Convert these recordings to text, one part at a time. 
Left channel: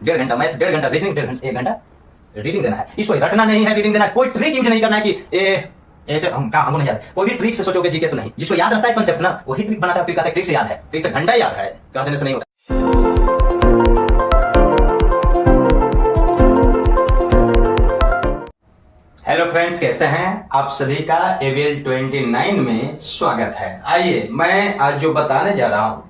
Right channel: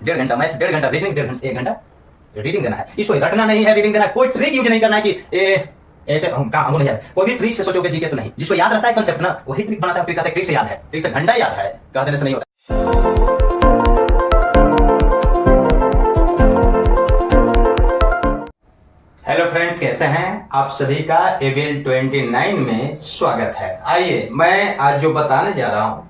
1.5 घंटा मैथ, 1.5 घंटा रीजनिंग, 1 घंटा रीडिंग देना है। इसको रटना नहीं है, रीडिंग देना है। कोई ट्रिक यूज नहीं करना है कि ऐसे हमको नहीं याद। कोई भी ट्रिक से सोचोगे जीके तो नहीं। जिसको याद रहता है कंसेप्ट ना, वही ट्रिक बनाता है। फिर कहता है ट्रिक से याद है, ट्रिक से घंटा याद है, कह देने से नहीं होता। हेलो फ्रेंड्स, कैसे हैं आप सभी का एवीएल 29 में स्वागत है। आइए मैं आज जो बताने जा रहा हूं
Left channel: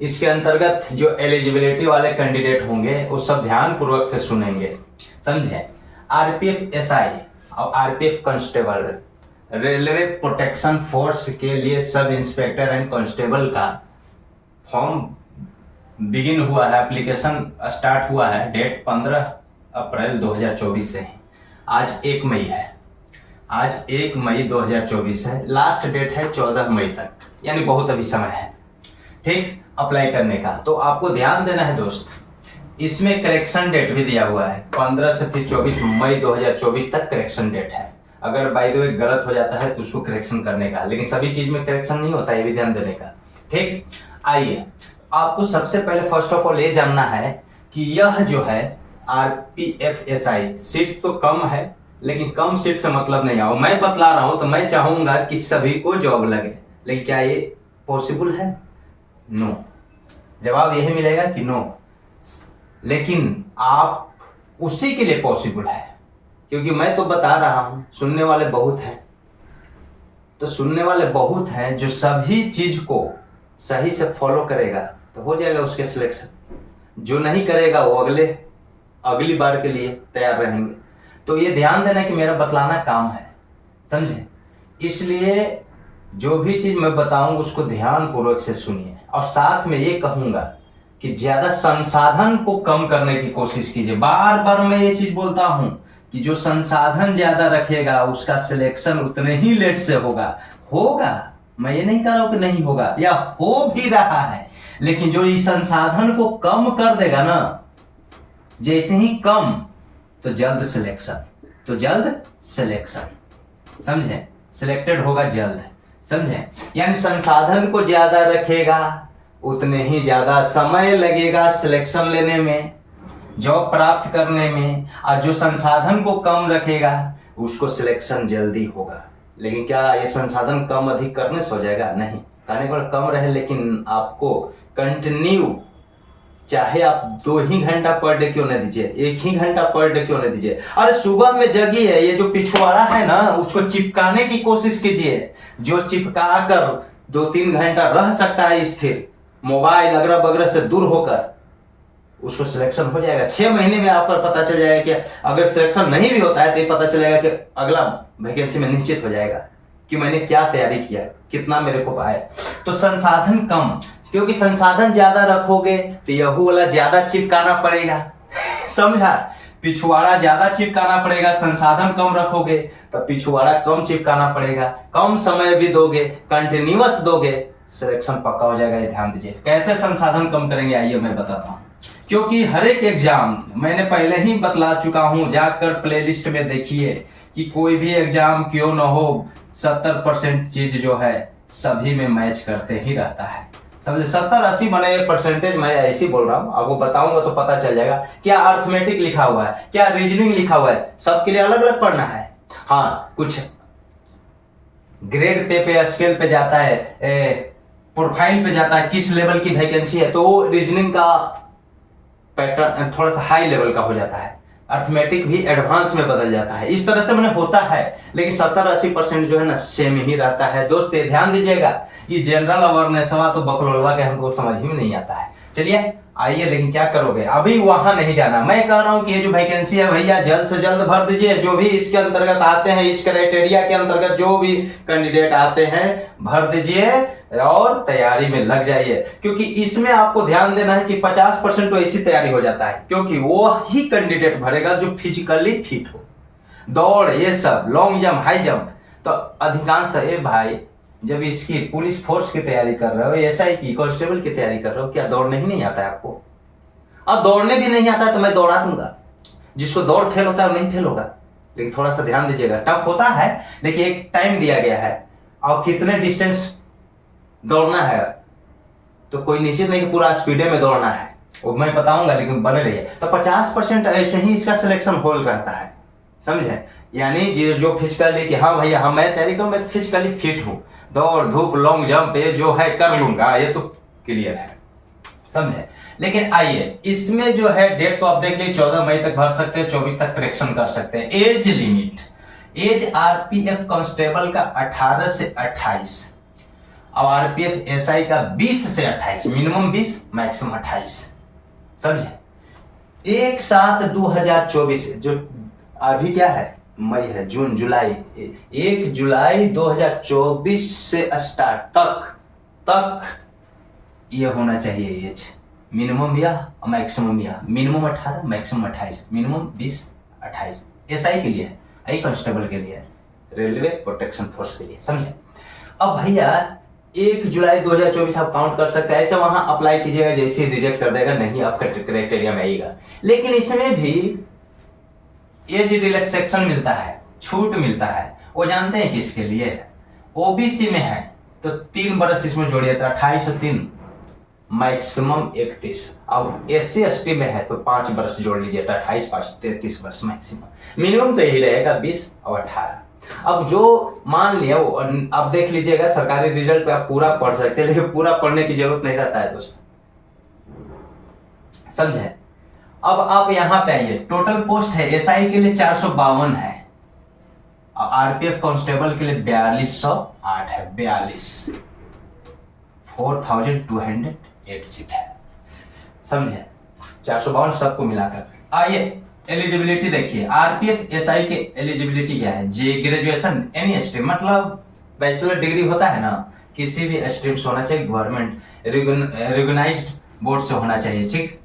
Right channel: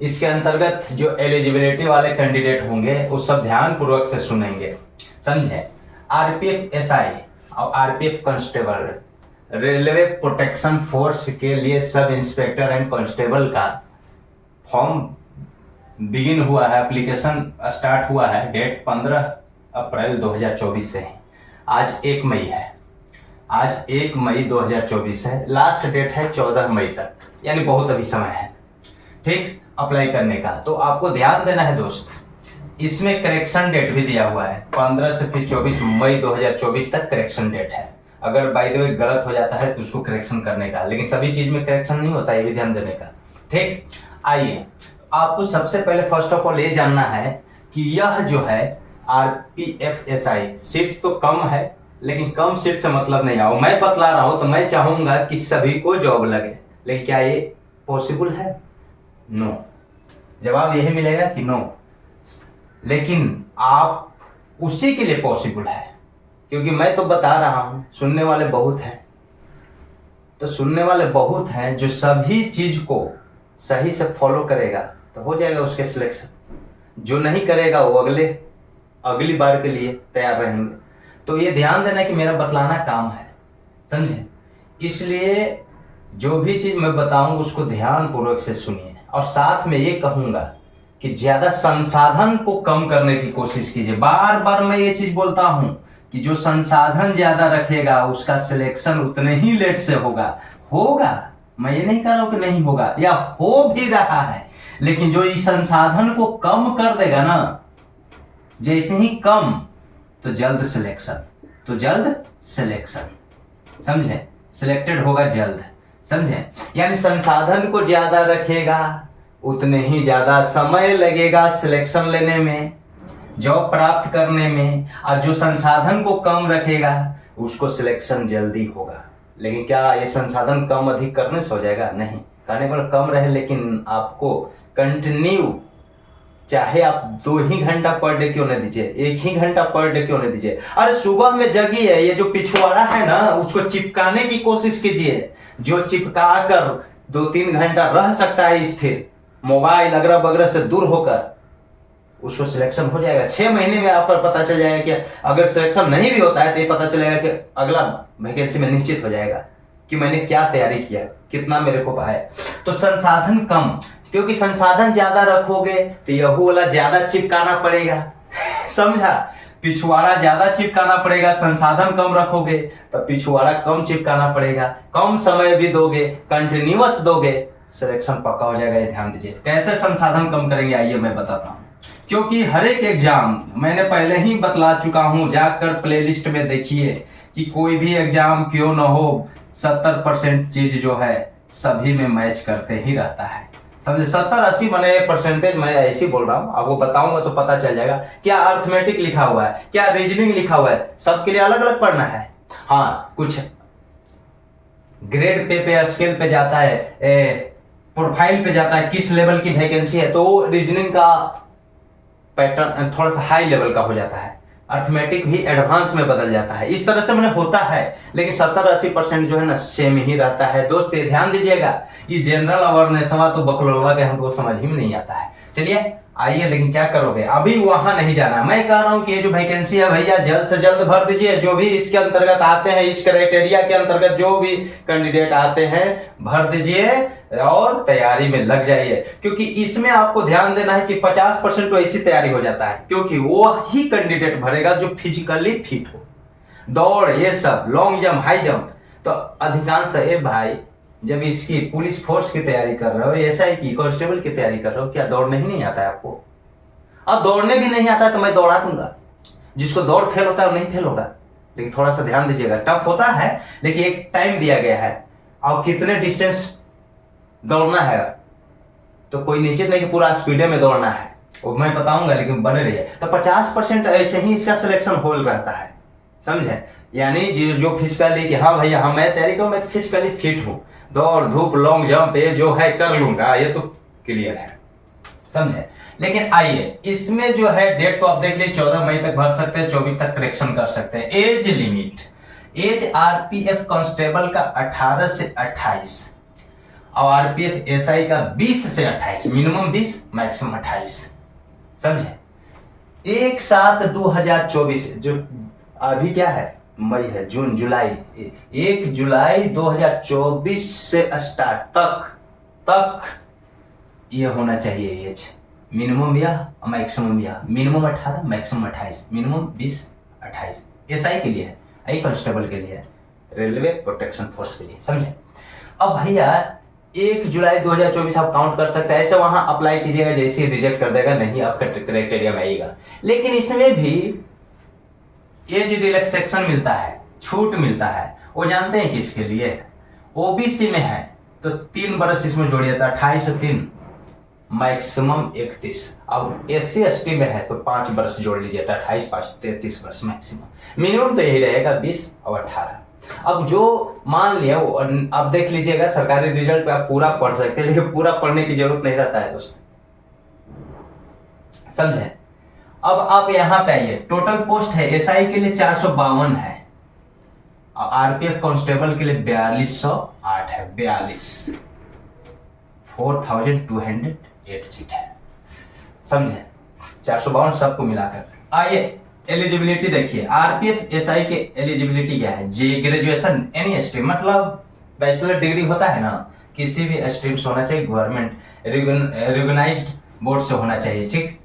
इसके अंतर्गत जो एलिजिबिलिटी वाले कैंडिडेट होंगे वो सब ध्यान पूर्वक से सुनेंगे, समझे। आरपीएफ एसआई और RPF constable, railway protection force के लिए सब इंस्पेक्टर एंड कांस्टेबल का फॉर्म बिगिन हुआ है, एप्लीकेशन स्टार्ट हुआ है। डेट 15 अप्रैल 2024 से है। आज 1 मई है, आज 1 मई 2024 है। लास्ट डेट है 14 मई तक, यानी बहुत अभी समय है, ठीक, अप्लाई करने का। तो आपको ध्यान देना है दोस्त, इसमें करेक्शन डेट भी दिया हुआ है। 15 से फिर 24 मई 2024 तक करेक्शन डेट है। अगर बाय द वे गलत हो जाता है तो उसको करेक्शन करने का, लेकिन सभी चीज में करेक्शन नहीं होता, ये भी ध्यान देने का, ठीक। आइए, आपको सबसे पहले फर्स्ट ऑफ ऑल ये जानना है कि यह जो है आरपीएफ एसआई सीट तो कम है, लेकिन कम सीट से मतलब नहीं आओ। मैं बतला रहा हूं तो मैं चाहूंगा कि सभी को जॉब लगे, लेकिन क्या ये पॉसिबल है? नो। जवाब यही मिलेगा कि नो। लेकिन आप उसी के लिए पॉसिबल है, क्योंकि मैं तो बता रहा हूं, सुनने वाले बहुत हैं। तो सुनने वाले बहुत हैं, जो सभी चीज को सही से फॉलो करेगा तो हो जाएगा उसके सिलेक्शन। जो नहीं करेगा वो अगली बार के लिए तैयार रहेंगे। तो ये ध्यान देना कि मेरा बतलाना काम है, समझे। इसलिए जो भी चीज मैं बताऊंगा उसको ध्यान पूर्वक से सुनिए, और साथ में ये कहूंगा कि ज्यादा संसाधन को कम करने की कोशिश कीजिए। बार बार मैं ये चीज बोलता हूं कि जो संसाधन ज्यादा रखेगा उसका सिलेक्शन उतने ही लेट से होगा। मैं ये नहीं कह रहा हूं कि नहीं होगा, या हो भी रहा है, लेकिन जो इस संसाधन को कम कर देगा ना, जैसे ही कम तो जल्द सिलेक्शन, समझे, सिलेक्टेड होगा जल्द, समझे। यानी संसाधन को ज्यादा रखेगा उतने ही ज्यादा समय लगेगा सिलेक्शन लेने में, जॉब प्राप्त करने में, और जो संसाधन को कम रखेगा उसको सिलेक्शन जल्दी होगा। लेकिन क्या ये संसाधन कम अधिक करने से हो जाएगा? नहीं। कहने को कम रहे, लेकिन आपको कंटिन्यू, चाहे आप 2 ही घंटा पर डे क्यों नहीं दीजिए, 1 ही घंटा पर डे क्यों नहीं दीजिए। अरे सुबह में जगिए, ये जो पिछवाड़ा है ना उसको चिपकाने की कोशिश कीजिए। जो चिपका कर 2-3 घंटा रह सकता है स्थिर, मोबाइल अगरह बगरह से दूर होकर, उसको सिलेक्शन हो जाएगा। 6 महीने में आपको पता चल जाएगा कि अगर सिलेक्शन नहीं भी होता है तो ये पता चलेगा कि अगला वैकेंसी में निश्चित हो जाएगा कि मैंने क्या तैयारी किया, कितना मेरे को पाया। तो संसाधन कम, क्योंकि संसाधन ज्यादा रखोगे तो यह वाला ज्यादा चिपकाना पड़ेगा समझा। पिछवाड़ा ज्यादा चिपकाना पड़ेगा, संसाधन कम रखोगे तो पिछवाड़ा कम चिपकाना पड़ेगा। कम समय भी दोगे, कंटिन्यूअस दोगे, सिलेक्शन पक्का हो जाएगा। ये ध्यान दीजिए। कैसे संसाधन कम करेंगे, आइए मैं बताता हूं। क्योंकि हर एक एग्जाम मैंने पहले ही बतला चुका हूं, जाकर प्लेलिस्ट में देखिए कि कोई भी एग्जाम क्यों ना हो, 70% चीज जो है सभी में मैच करते ही रहता है, समझे। 70-80 मैंने परसेंटेज मैं ऐसे बोल रहा हूं, आपको बताऊंगा तो पता चल जाएगा। क्या अर्थमेटिक लिखा हुआ है, क्या रीजनिंग लिखा हुआ है, सबके लिए अलग अलग पढ़ना है। हाँ, कुछ ग्रेड पे स्केल पे जाता है, प्रोफाइल पे जाता है, किस लेवल की वैकेंसी है, तो रीजनिंग का पैटर्न थोड़ा सा हाई लेवल का हो जाता है, अर्थमेटिक भी एडवांस में बदल जाता है। इस तरह से मैंने होता है, लेकिन 70-80% जो है ना सेम ही रहता है। दोस्त ये ध्यान दीजिएगा, ये जनरल अवेयरनेस हवा तो बकलोलवा के हमको समझ ही में नहीं आता है। चलिए आइए, लेकिन क्या करोगे, अभी वहां नहीं जाना। मैं कह रहा हूं कि ये जो वैकेंसी है भैया जल्द से जल्द भर दीजिए। जो भी इसके अंतर्गत आते हैं, इस क्राइटेरिया के अंतर्गत जो भी कैंडिडेट आते हैं भर दीजिए और तैयारी में लग जाइए। क्योंकि इसमें आपको ध्यान देना है कि 50% तो ऐसी तैयारी हो जाता है, क्योंकि वो ही कैंडिडेट भरेगा जो फिजिकली फिट हो। दौड़, ये सब, लॉन्ग जंप, हाई जंप, तो अधिकांश भाई जब इसकी पुलिस फोर्स की तैयारी कर रहे हो, एसआई की, कांस्टेबल की तैयारी कर रहे हो, क्या दौड़ने ही नहीं आता है आपको? और दौड़ने भी नहीं आता है तो मैं दौड़ा दूंगा। जिसको दौड़ फेल होता है वो नहीं फेल होगा, लेकिन थोड़ा सा ध्यान दीजिएगा। टफ होता है, लेकिन एक टाइम दिया गया है और कितने डिस्टेंस दौड़ना है, तो कोई निश्चित नहीं कि पूरा स्पीडे में दौड़ना है। वो मैं बताऊंगा, लेकिन बने रहिए। तो 50% ऐसे ही इसका सिलेक्शन होल रहता है, समझे। यानी जो फिजिकली कि हाँ भैया हाँ मैं तैयारी करूँ, मैं तो फिजिकली फिट हूँ, दौड़ धूप लॉन्ग जंप ये जो है कर लूंगा, ये तो क्लियर है, समझे। लेकिन आइए इसमें जो है डेट तो आप देख लीजिए, 14 मई तक भर सकते हैं, 24 तक करेक्शन कर सकते हैं। Age limit, age RPF constable का 18 से 28 और आरपीएफ एसआई का 20 से 28, मिनिमम 20 मैक्सिमम 28, समझे। 1/7/2024 जो अभी क्या है, मई है, जून जुलाई, 1 जुलाई 2024 से स्टार्ट तक ये होना चाहिए एज, मिनिमम या मैक्सिमम, या मिनिमम 18 मैक्सिमम 28, मिनिमम 20 28। एसआई के लिए है, आई कांस्टेबल के लिए है, रेलवे प्रोटेक्शन फोर्स के लिए, समझे। अब भैया 1 जुलाई 2024 आप काउंट कर सकते हैं, ऐसे वहां अप्लाई कीजिएगा, जैसे रिजेक्ट कर देगा, नहीं आपका क्राइटेरिया में आएगा। लेकिन इसमें भी एज रिलैक्सेशन मिलता है, छूट मिलता है, वो जानते हैं किसके लिए, ओबीसी में है तो 3 बरस इसमें जोड़िए तो 28 और 3 मैक्सिमम 31, अब एससी एसटी में है तो 5 बरस जोड़ लीजिए, 28 5 33 बरस मैक्सिमम, मिनिमम तो यही रहेगा 20 और 18। अब जो मान लिया वो आप देख लीजिएगा, सरकारी रिजल्ट पे आप पूरा पढ़ सकते हैं, लेकिन पूरा पढ़ने की जरूरत नहीं रहता है दोस्त, समझे। अब आप यहां पे आइए, टोटल पोस्ट है एसआई के लिए 452 है और आरपीएफ कांस्टेबल के लिए 4208 है, 42,4,208 सीट है, समझे। 452 सबको मिलाकर। आइए एलिजिबिलिटी देखिए, आरपीएफ एसआई के एलिजिबिलिटी क्या है, जे ग्रेजुएशन एनी स्ट्रीम, मतलब बैचलर डिग्री होता है ना, किसी भी स्ट्रीम से होना चाहिए, गवर्नमेंट रिकॉग्नाइज्ड बोर्ड से होना चाहिए, ठीक।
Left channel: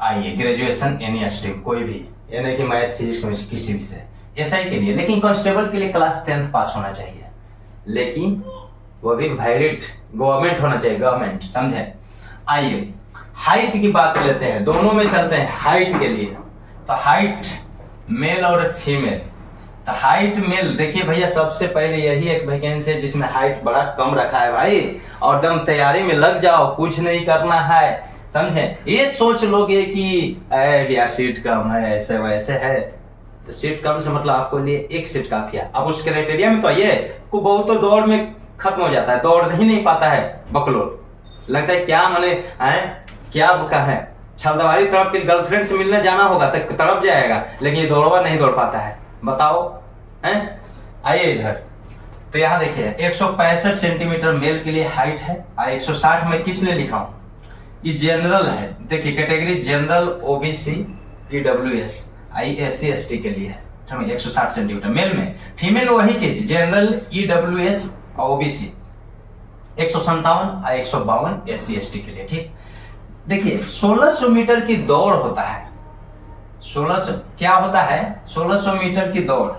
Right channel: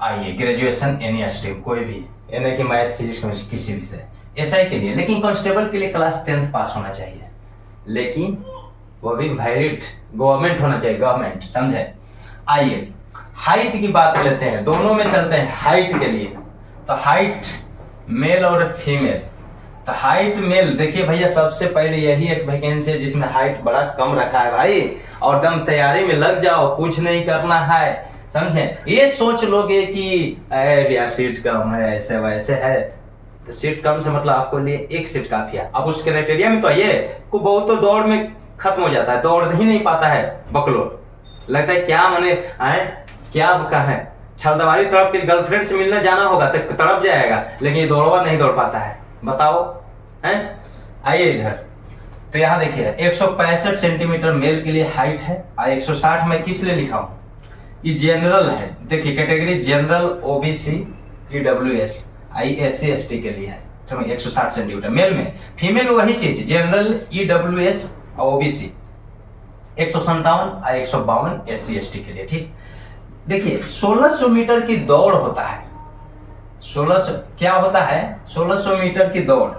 आइए ग्रेजुएशन एनी स्ट्रीम, कोई भी, यानी कि मैथ फिजिक्स केमिस्ट्री किसी भी से, एसआई के लिए। लेकिन कांस्टेबल के लिए क्लास 10th पास होना चाहिए, लेकिन वो भी वैलिड गवर्नमेंट होना चाहिए, गवर्नमेंट, समझे। आइए हाइट की बात लेते हैं, दोनों में चलते हैं। हाइट के लिए तो हाइट मेल और फीमेल, तो हाइट मेल देखिए भैया, सबसे पहले यही एक वैकेंसी है जिसमें हाइट बड़ा कम रखा है भाई, और दम तैयारी में लग जाओ, कुछ नहीं करना है, समझे। ये सोच लोगे कि यार सीट कम है, ऐसे वैसे है, तो सीट कम से मतलब आपको लिए एक सीट काफी है। अब उस क्राइटेरिया में तो ये को बहुत तो दौड़ में खत्म हो जाता है, दौड़ ही नहीं पाता है, बकलोल लगता है क्या मने क्या है, छलदवारी तरफ की गर्लफ्रेंड से मिलने जाना होगा तो तड़प जाएगा, लेकिन ये दौड़वा नहीं दौड़ पाता है, बताओ हैं। आइए इधर, तो यहाँ देखिए 165 सेंटीमीटर मेल के लिए हाइट है, और 160 में किस लिए लिखा हूं, ये जनरल है, देखिए category general, OBC, EWS, SC ST के लिए है, 160 सेंटीमीटर मेल में। फीमेल वही चीज, जनरल, ईडब्ल्यूएस और ओबीसी 157 और 152 एससी एसटी के लिए, ठीक। देखिए 1600 मीटर की दौड़ होता है, 1600 क्या होता है, 1600 मीटर की दौड़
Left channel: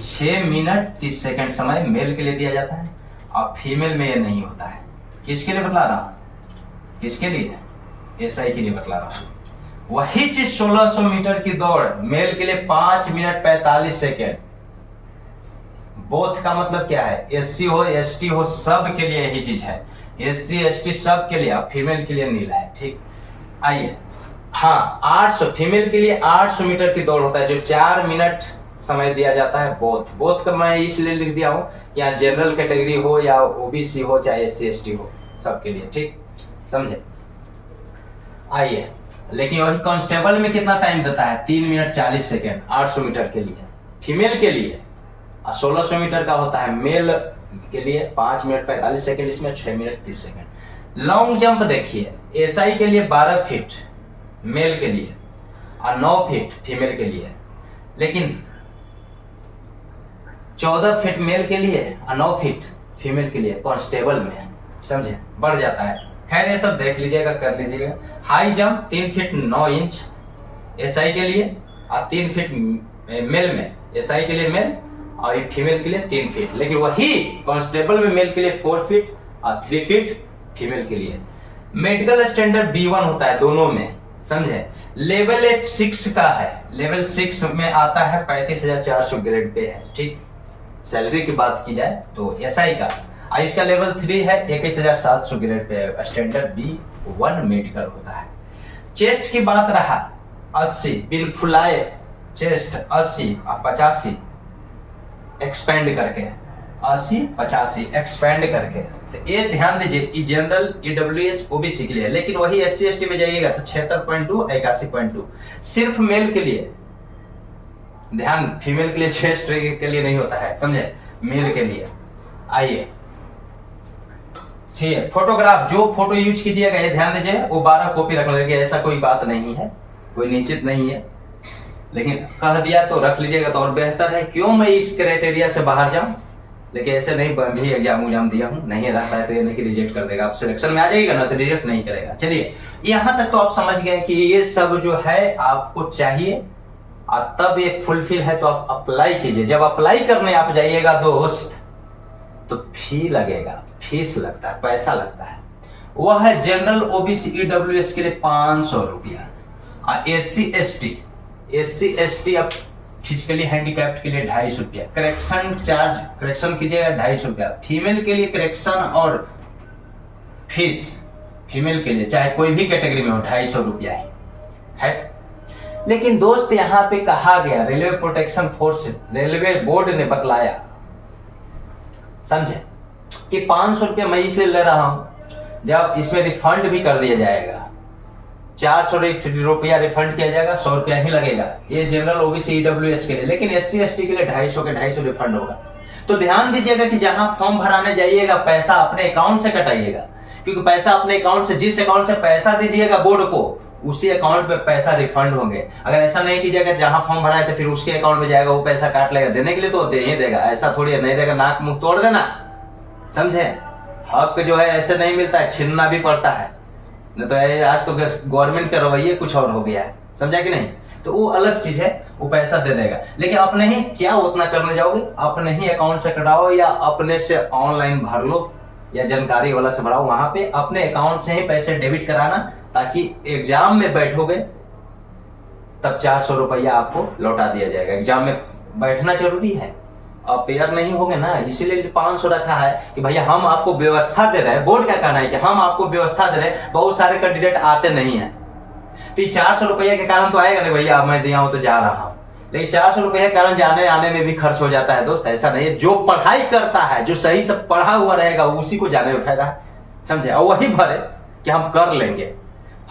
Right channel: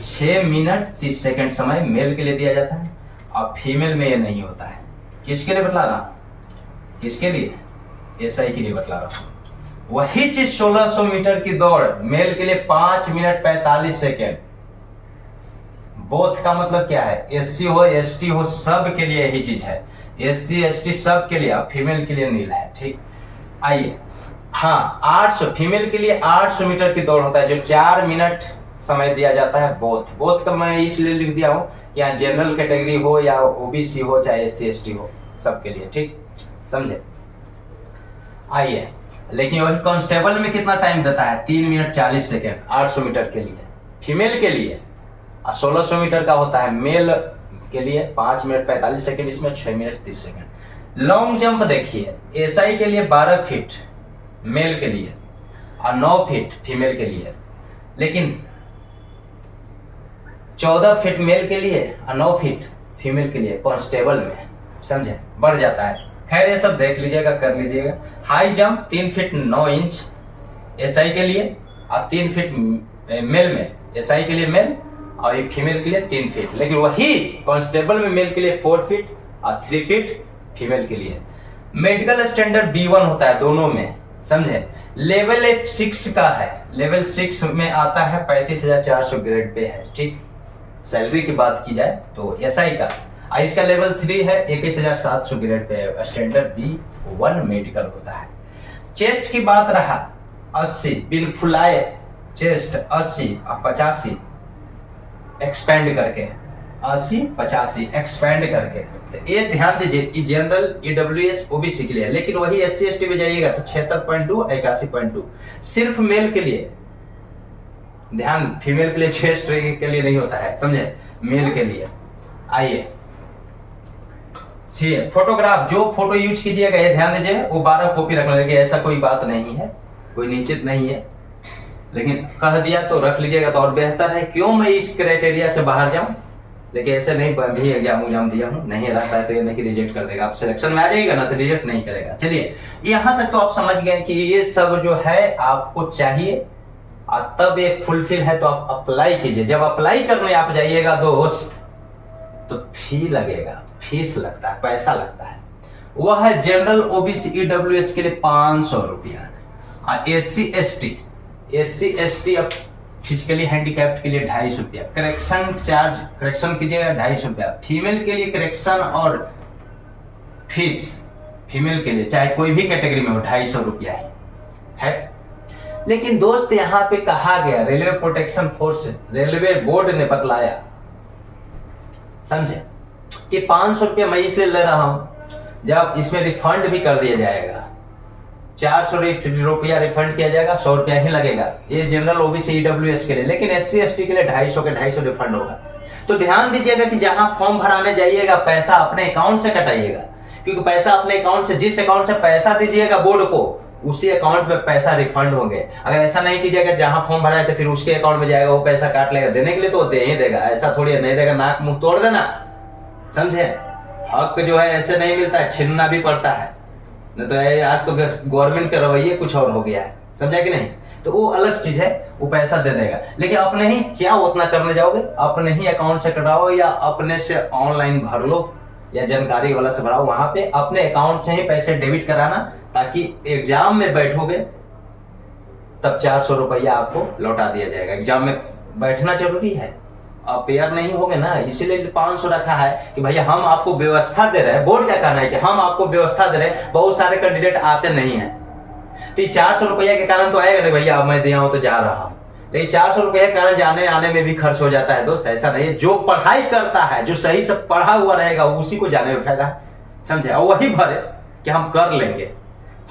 6 मिनट 30 सेकंड समय मेल के लिए दिया जाता है, और फीमेल में ये नहीं होता है। किसके लिए बतला रहा, किसके लिए, एसआई के लिए बतला रहा हूं। वही चीज 1600 मीटर की दौड़ मेल के लिए 5 मिनट 45 सेकेंड, बोथ का मतलब क्या है, एससी हो एसटी हो सब के लिए यही चीज है, एससी एसटी सब के लिए, अब फीमेल के लिए नील है, ठीक। आइए हाँ 800, फीमेल के लिए 800 मीटर की दौड़ होता है, जो 4 मिनट समय दिया जाता है। बोथ का मैं इसलिए लिख दिया हूं कि यहाँ जनरल कैटेगरी हो या ओबीसी हो चाहे एससी एसटी हो, सबके लिए, ठीक, समझे। आइए लेकिन वही कांस्टेबल में कितना टाइम देता है, 3 मिनट 40 सेकेंड 800 मीटर के लिए फीमेल के लिए, और 1600 मीटर का होता है मेल के लिए 5 मिनट 45 सेकेंड, इसमें 6 मिनट 30 सेकेंड। लॉन्ग जंप देखिए, एसआई के लिए 12 फीट मेल के लिए और 9 फीट फीमेल के लिए, लेकिन 14 फीट मेल के लिए और 9 फीट फीमेल के लिए कांस्टेबल में, समझे, बढ़ जाता है। खैर ये सब देख लीजिएगा, कर लीजिएगा। High jump 3 feet 9 inch SI के लिए, और 3 फीट मेल में, एसआई के लिए मेल और फीमेल के लिए 3 फीट, लेकिन वही कांस्टेबल में मेल के लिए 4 फीट और 3 फीट फीमेल के लिए। मेडिकल स्टैंडर्ड B1 होता है दोनों में, समझे। लेवल F6 का है, लेवल 6 में आता है 35,400 ग्रेड पे है, ठीक। सैलरी की बात की जाए तो एसआई का, इसका लेवल 3 है, 21,700 grade pay standard B1 medical होता है। चेस्ट की बात रहा 80 बिल फुलाए चेस्ट 80 और 85 एक्सपेंड करके 80-85 एक्सपेंड करके। तो ये ध्यान दीजिए जनरल EWS OBC के लिए, लेकिन वही SC ST में जाइएगा तो 76.2 81.2 सिर्फ मेल के लिए। ध्यान, फीमेल के लिए चेस्ट के लिए नहीं होता है, समझे, मेल के लिए। आइए सी फोटोग्राफ, जो फोटो यूज कीजिएगा ये ध्यान दीजिए वो 12 कॉपी रख लीजिएगा, ऐसा कोई बात नहीं है, कोई निश्चित नहीं है, लेकिन कह दिया तो रख लीजिएगा तो और बेहतर है। क्यों मैं इस क्राइटेरिया से बाहर जाऊं, लेकिन ऐसे नहीं भी एग्जाम दिया हूं, नहीं रहता है तो ये नहीं रिजेक्ट कर देगा, आप सिलेक्शन में आ जाएगा ना तो रिजेक्ट नहीं करेगा। चलिए यहां तक तो आप समझ गए कि ये सब जो है आपको चाहिए और तब ये फुलफिल है तो आप अप्लाई कीजिए। जब अप्लाई करने आप जाइएगा दोस्त तो फी लगेगा, फीस लगता है, पैसा लगता है। वह है जनरल OBC EWS के लिए 500 रुपया और SC ST अब फिजिकली हैंडीकैप्ड के लिए 250 रुपया। करेक्शन चार्ज, करेक्शन कीजिएगा 250 रुपया। फीमेल के लिए करेक्शन और फीस फीमेल के लिए चाहे कोई भी कैटेगरी में हो 250 रुपया है। लेकिन दोस्त यहाँ पे कहा गया, railway protection force railway board ने बतलाया, समझे, कि 500 रुपया मैं इसलिए ले रहा हूं जब इसमें रिफंड भी कर दिया जाएगा। 400 रुपया रिफंड किया जाएगा, 100 रुपया ही लगेगा, ये जनरल OBC EWS के लिए। लेकिन SC ST के लिए 250 के 250 रिफंड होगा। तो ध्यान दीजिएगा कि जहां फॉर्म भराने जाइएगा पैसा अपने अकाउंट से कटाइएगा, क्योंकि पैसा अपने अकाउंट से, जिस अकाउंट से पैसा दीजिएगा बोर्ड को उसी अकाउंट में पैसा रिफंड होंगे। अगर ऐसा नहीं कीजिएगा जहां फॉर्म भरा है तो फिर उसके अकाउंट में जाएगा, वो पैसा काट लेगा। देने के लिए तो दे ही देगा, ऐसा थोड़ी नहीं देगा, नाक मुंह तोड़ देना, समझे। हक जो है ऐसे नहीं मिलता है, छीनना भी पड़ता है। नहीं तो आज तो गवर्नमेंट के रवैये कुछ और हो गया है, समझा कि नहीं। तो वो अलग चीज है, वो पैसा दे देगा। लेकिन अपने ही क्या उतना करने जाओगे, अपने ही अकाउंट से कटाओ या अपने से ऑनलाइन भर लो या जानकारी वाला से भराओ, वहां पे अपने अकाउंट से ही पैसे डेबिट कराना, ताकि एग्जाम में बैठोगे तब 400 रुपया आपको लौटा दिया जाएगा। एग्जाम में बैठना जरूरी है, अपेयर नहीं होगे ना, इसीलिए 500 रखा है कि भैया हम आपको व्यवस्था दे रहे हैं। बोर्ड का कहना है कि हम आपको व्यवस्था दे रहे हैं, बहुत सारे कैंडिडेट आते नहीं है तो 400 रुपया के कारण तो आएगा नहीं, भैया मैं दिया हूं तो जा रहा हूं। लेकिन 400 रुपये के कारण जाने आने में भी खर्च हो जाता है दोस्त, ऐसा नहीं है। जो पढ़ाई करता है, जो सही से पढ़ा हुआ रहेगा उसी को जाने में फायदा है, समझे। और वही भरे कि हम कर लेंगे,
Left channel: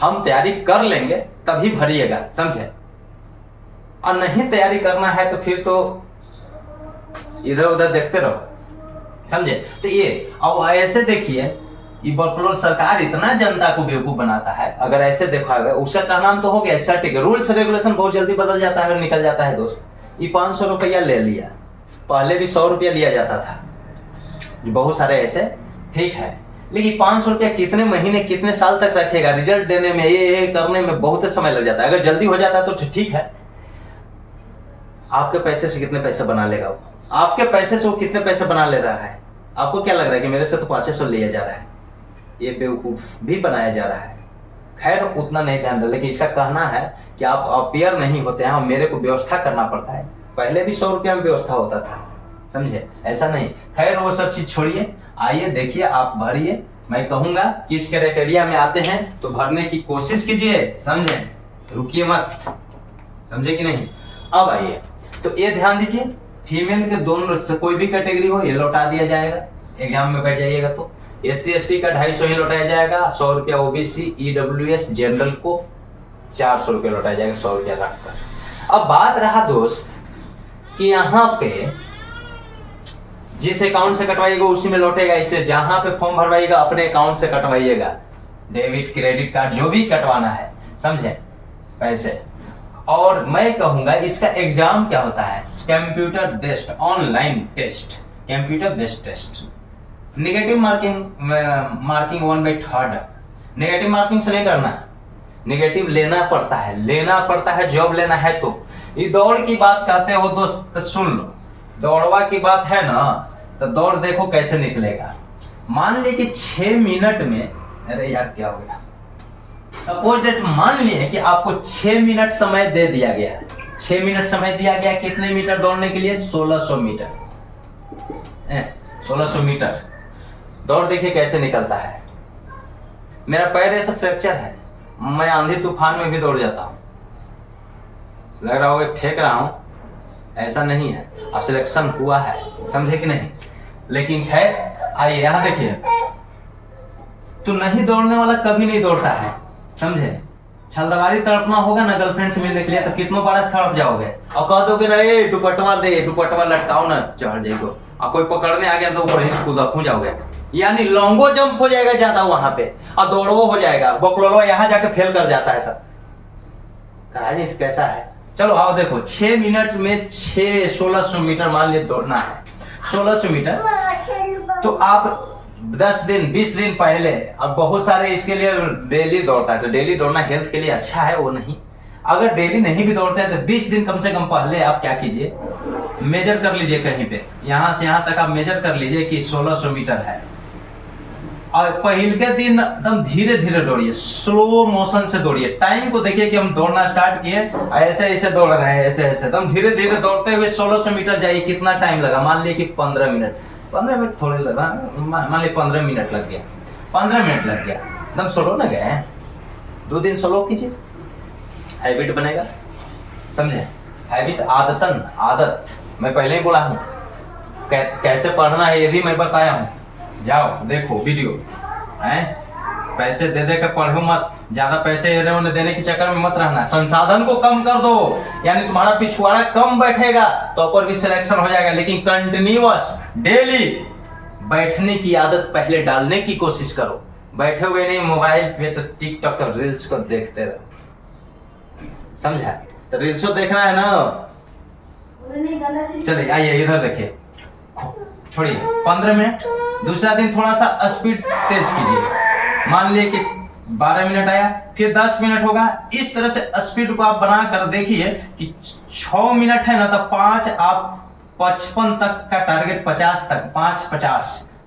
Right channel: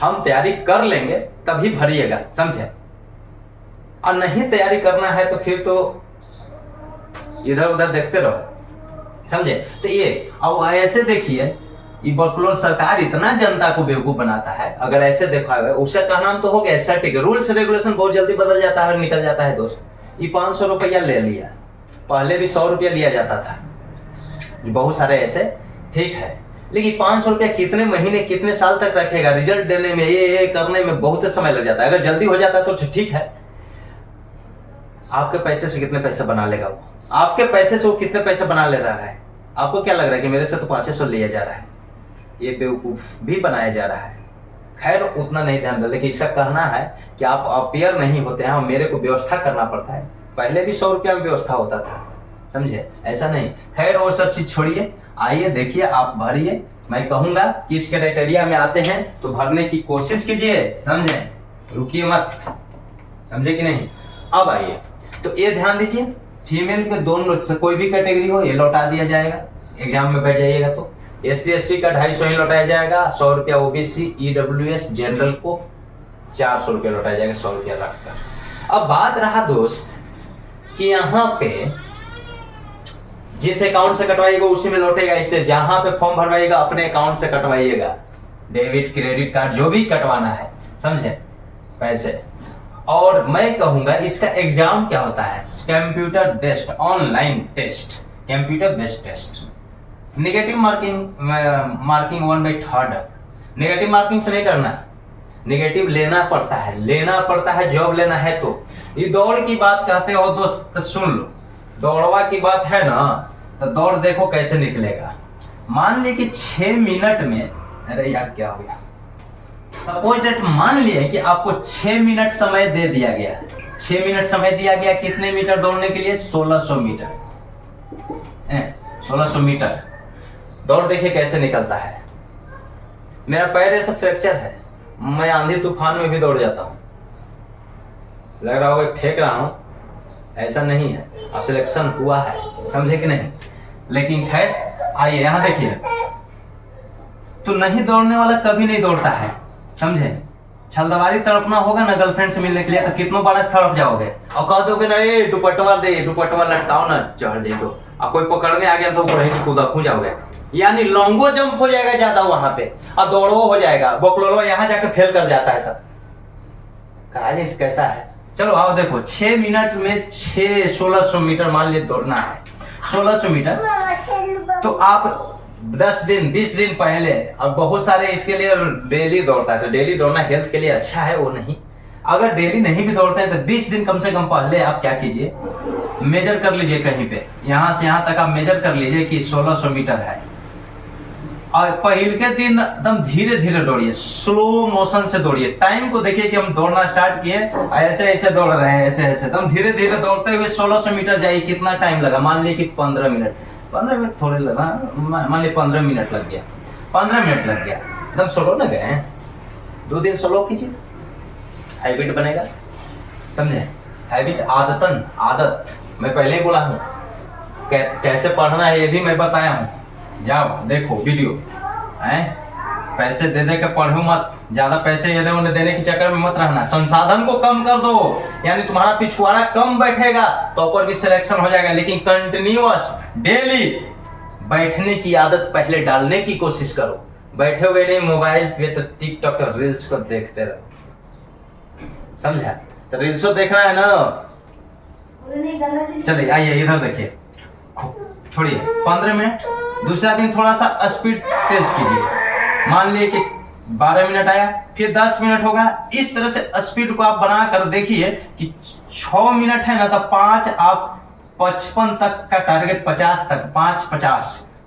हम तैयारी कर लेंगे तभी भरिएगा, समझे। और नहीं तैयारी करना है तो फिर तो इधर उधर देखते रहो, समझे। तो ये अब ऐसे देखिए, ये बकलोल सरकार इतना जनता को बेवकूफ बनाता है। अगर ऐसे देखा है, उसका का नाम तो हो गया सर्टिक, रूल्स रेगुलेशन बहुत जल्दी बदल जाता है और निकल जाता है दोस्त। ये 500 रुपया ले लिया, पहले भी 100 रुपया लिया जाता था, बहुत सारे ऐसे, ठीक है। लेकिन 500 रुपया कितने महीने कितने साल तक रखेगा, रिजल्ट देने में ये करने में बहुत समय लग जाता है। अगर जल्दी हो जाता है तो ठीक है, आपके पैसे से कितने पैसे बना लेगा वो, आपके पैसे से वो कितने पैसे बना ले रहा है। आपको क्या लग रहा है कि मेरे से तो 500 लिया जा रहा है, ये बेवकूफ भी बनाया जा रहा है। खैर उतना नहीं ध्यान दे, लेकिन इसका कहना है कि आप अपेयर नहीं होते हैं और मेरे को व्यवस्था करना पड़ता है। पहले भी 100 रुपया में व्यवस्था होता था, समझे, ऐसा नहीं। खैर वो सब चीज छोड़िए, आइए देखिए, आप भरिए। मैं कहूंगा कि इस क्राइटेरिया में आते हैं तो भरने की कोशिश कीजिए, समझे, रुकिए मत, समझे कि नहीं। अब आइए, तो ये ध्यान दीजिए, फीमेल के दोनों से कोई भी कैटेगरी हो ये लौटा दिया जाएगा। एग्जाम में बैठ जाइएगा तो SC ST का 250 ही लौटाया जाएगा, 100 रुपया OBC EWS जनरल को 400 रुपया लौटाया जाएगा, 100 रुपया रखकर। अब बात रहा दोस्त कि यहाँ पे जिस अकाउंट से कटवाइएगा उसी में लौटेगा, इसलिए जहां पे फॉर्म भरवाइएगा अपने अकाउंट से कटवाइएगा, डेबिट क्रेडिट कार्ड जो भी कटवाना है, समझे, पैसे। और मैं कहूंगा इसका एग्जाम क्या होता है, computer based online test, computer based test. Negative marking 1/3। Negative marking से नहीं करना, नेगेटिव लेना पड़ता है, जॉब लेना है तो। ये दौड़ की बात कहते हो दोस्त, तो सुन लो, दौड़वा की बात है ना, तो दौड़ देखो कैसे निकलेगा। मान ली कि 6 मिनट में, अरे यार क्या हो गया, सपोज दैट मान लिए कि आपको 6 मिनट समय दे दिया गया, 6 मिनट समय दिया गया कितने मीटर दौड़ने के लिए, 1600 मीटर, 1600 मीटर। दौड़ देखिए कैसे निकलता है। मेरा पैर ऐसा फ्रैक्चर है, मैं आंधी तूफान में भी दौड़ जाता हूँ। लग रहा होगा फेंक रहा हूँ, ऐसा नहीं है, सिलेक्शन हुआ है, समझे कि नहीं। लेकिन खैर आइए यहाँ देखिए, तो नहीं दौड़ने वाला कभी नहीं दौड़ता है, समझे। छलदवारी तड़पना होगा ना गर्लफ्रेंड से मिलने के लिए, तो कितनों बड़ा तड़प जाओगे और कह दोगे ना ए दुपट्टा दे, दुपट्टा लटकाओ ना, चढ़ जाए तो और कोई पकड़ने आ गया तो ऊपर ही कूदा जाओगे, यानी लॉन्गो जंप हो जाएगा ज्यादा वहां पे और दौड़ो हो जाएगा, बकलोलो यहाँ जाके फेल कर जाता है सब। कहानी कैसा है। चलो आओ देखो, 6 मिनट में 1600 मीटर मान लीजिए दौड़ना है, 1600 मीटर। तो आप 10 दिन 20 दिन पहले, और बहुत सारे इसके लिए डेली दौड़ता है, तो डेली दौड़ना हेल्थ के लिए अच्छा है, वो नहीं। अगर डेली नहीं भी दौड़ते हैं तो 20 दिन कम से कम पहले आप क्या कीजिए, मेजर कर लीजिए कहीं पे, यहां से यहां तक आप मेजर कर लीजिए कि 1600 मीटर है। और पहले के दिन एकदम धीरे धीरे दौड़िए, स्लो मोशन से दौड़िए। टाइम को देखिए कि हम दौड़ना स्टार्ट किए, ऐसे ऐसे दौड़ रहे हैं, ऐसे ऐसे एकदम धीरे धीरे दौड़ते हुए 1600 मीटर जाइए। कितना टाइम लगा, मान लीजिए कि 15 मिनट, 15 मिनट थोड़े लगा, मान लीजिए 15 मिनट लग गया, 15 मिनट लग गया, एकदम स्लो न गए। 2 दिन स्लो कीजिए, हैबिट बनेगा, समझे। हैबिट, आदतन, आदत मैं पहले ही बोला हूँ। कैसे पढ़ना है ये भी मैं बताया हूँ, जाओ देखो वीडियो। पैसे दे दे के पढ़ो मत, ज्यादा पैसे उन्हें देने के चक्कर में मत रहना। संसाधन को कम कर दो, यानी तुम्हारा पिछवाड़ा कम बैठेगा तो ऊपर भी सिलेक्शन हो जाएगा। लेकिन कंटिन्यूअस डेली बैठने की आदत पहले डालने की कोशिश करो। बैठोगे नहीं मोबाइल पे तो टिकटॉक और रील्स को देखते रहो, समझा। तो रील्स देखना है ना, चलिए आइए इधर देखिए, छोड़िए 15 मिनट। दूसरा दिन थोड़ा सा स्पीड तेज कीजिए, मान लिए कि 12 मिनट आया, फिर 10 मिनट होगा। इस तरह से स्पीड को आप बना कर देखिए कि 6 मिनट है ना, तो 5 आप 55 तक का टारगेट, 50 तक,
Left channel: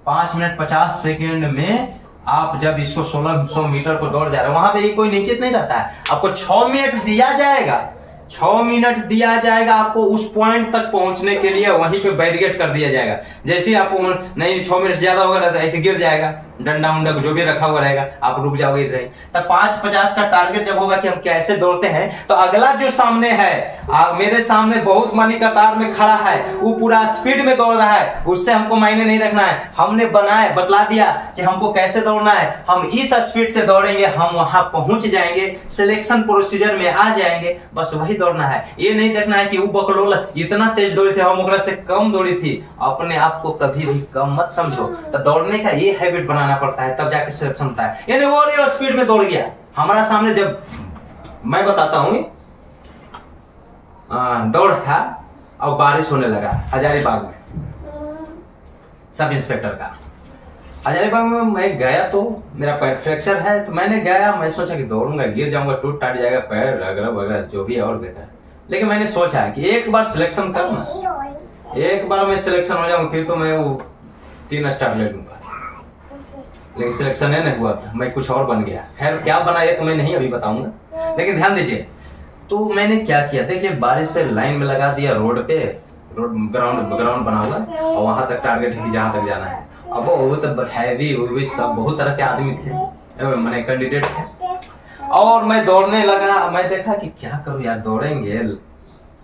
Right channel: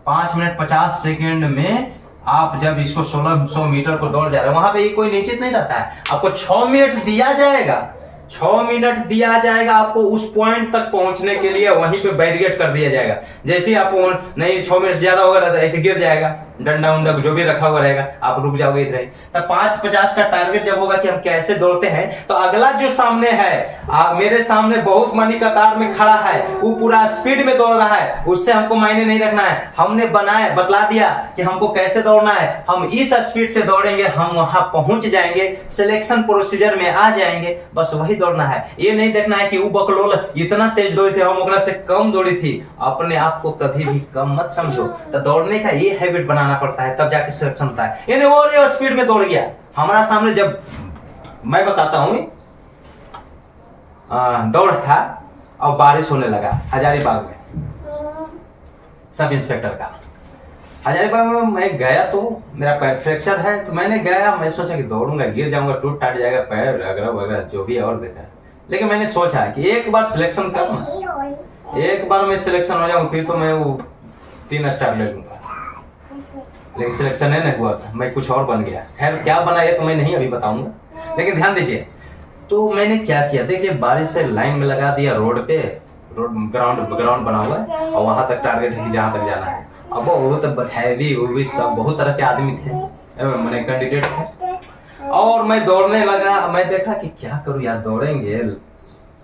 5 मिनट 50 सेकेंड में आप जब इसको 1600 मीटर को दौड़ जा रहे हैं, वहां पे कोई निश्चित नहीं रहता है। आपको 6 मिनट दिया जाएगा, 6 मिनट दिया जाएगा आपको उस पॉइंट तक पहुंचने के लिए, वहीं पे बैरिकेड कर दिया जाएगा। जैसे ही आप नहीं 6 मिनट ज्यादा होगा तो ऐसे गिर जाएगा, डंडा उंडा जो भी रखा हुआ रहेगा, आप रुक जाओगे इधर ही। तब 5:50 का टारगेट जब होगा कि हम कैसे दौड़ते हैं, तो अगला जो सामने है, मेरे सामने बहुत मनी कतार में खड़ा है, वो पूरा स्पीड में दौड़ रहा है, उससे हमको मायने नहीं रखना है। हमने बतला दिया कि हमको कैसे दौड़ना है, हम इस स्पीड से दौड़ेंगे, हम वहां पहुंच जाएंगे, सिलेक्शन प्रोसीजर में आ जाएंगे, बस वही दौड़ना है। ये नहीं देखना है कि वो बकलोल इतना तेज दौड़ी थी, हम ओकरा से कम दौड़ी थी। अपने आप को कभी भी कम मत समझो। तो दौड़ने का ये हैबिट बनाना पड़ता है, तब जाके सिलेक्शन होता है। यानी वो स्पीड में दौड़ गया हमारा सामने, जब मैं बताता हूं, दौड़ था और बारिश होने लगा हजारीबाग में, सब इंस्पेक्टर का। हजारीबाग में मैं गया तो मेरा पैर फ्रैक्चर है, तो मैंने गया, मैं सोचा कि दौड़ूंगा, गिर जाऊंगा, टूट टाट जाएगा पैर वगैरह वगैरह जो भी है और बेटा। लेकिन मैंने सोचा कि एक बार सिलेक्शन करूँ, एक बार मैं सिलेक्शन हो जाऊं, फिर तो मैं वो 3 स्टार ले लूंगा। लेकिन सिलेक्शन नहीं हुआ था, मैं कुछ और बन गया। खैर क्या बना ये तो मैं नहीं अभी बताऊंगा, लेकिन ध्यान दीजिए। तो मैंने क्या किया, देखिए बारिश से लाइन में लगा दिया, रोड पे, रोड ग्राउंड बना हुआ है और वहां तक टारगेट है कि जहां तक जाना है। अब वो तो हैवी, वो भी सब बहुत तरह के आदमी थे, मैंने कैंडिडेट थे। और मैं दौड़ने लगा, मैं देखा कि क्या करूं यार, दौड़ेंगे,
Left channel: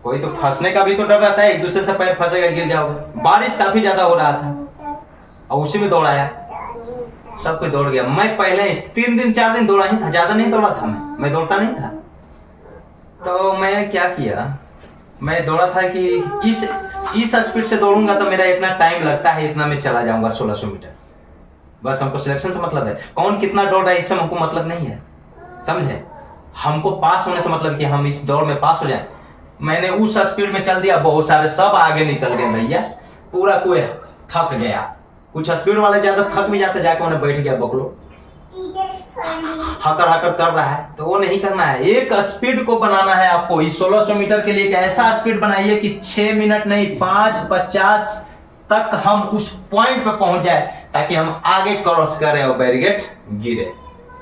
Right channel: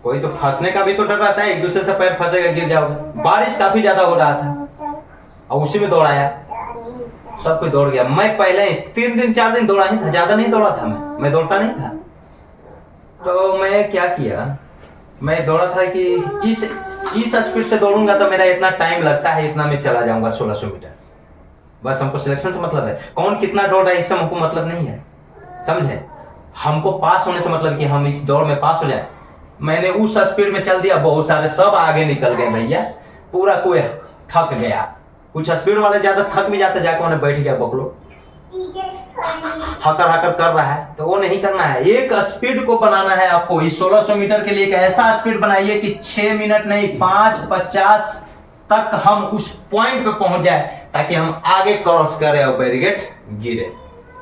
कोई तो फंसने का भी तो डर रहता है, एक दूसरे से पैर फंसेगा, गिर जाओगे। बारिश काफी ज्यादा हो रहा था और उसी में दौड़ाया, सब कोई दौड़ गया। मैं पहले 3 दिन 4 दिन दौड़ा ही था, ज्यादा नहीं दौड़ा था, मैं दौड़ता नहीं था। तो मैं क्या किया, मैं दौड़ा था कि इस स्पीड से दौड़ूंगा तो मेरा इतना टाइम लगता है, इतना मैं चला जाऊंगा 1600 मीटर। बस हमको सिलेक्शन से मतलब है, कौन कितना दौड़ रहा है इससे हमको मतलब नहीं है, समझे। हमको पास होने से मतलब कि हम इस दौड़ में पास हो जाए। मैंने उस स्पीड में चल दिया, बहुत सारे सब आगे निकल गए भैया, पूरा कोई थक गया। कुछ स्पीड वाले ज्यादा थक भी जाते, जाके उन्हें बैठ गया बकलो, हकर हकर कर रहा है, तो वो नहीं करना है। एक स्पीड को बनाना है आपको। इस 1600 मीटर के लिए एक ऐसा स्पीड बनाइए कि 6 मिनट नहीं 5:50 तक हम उस पॉइंट पे पहुंच जाए, ताकि हम आगे क्रॉस करें और बैरिकेड गिरे,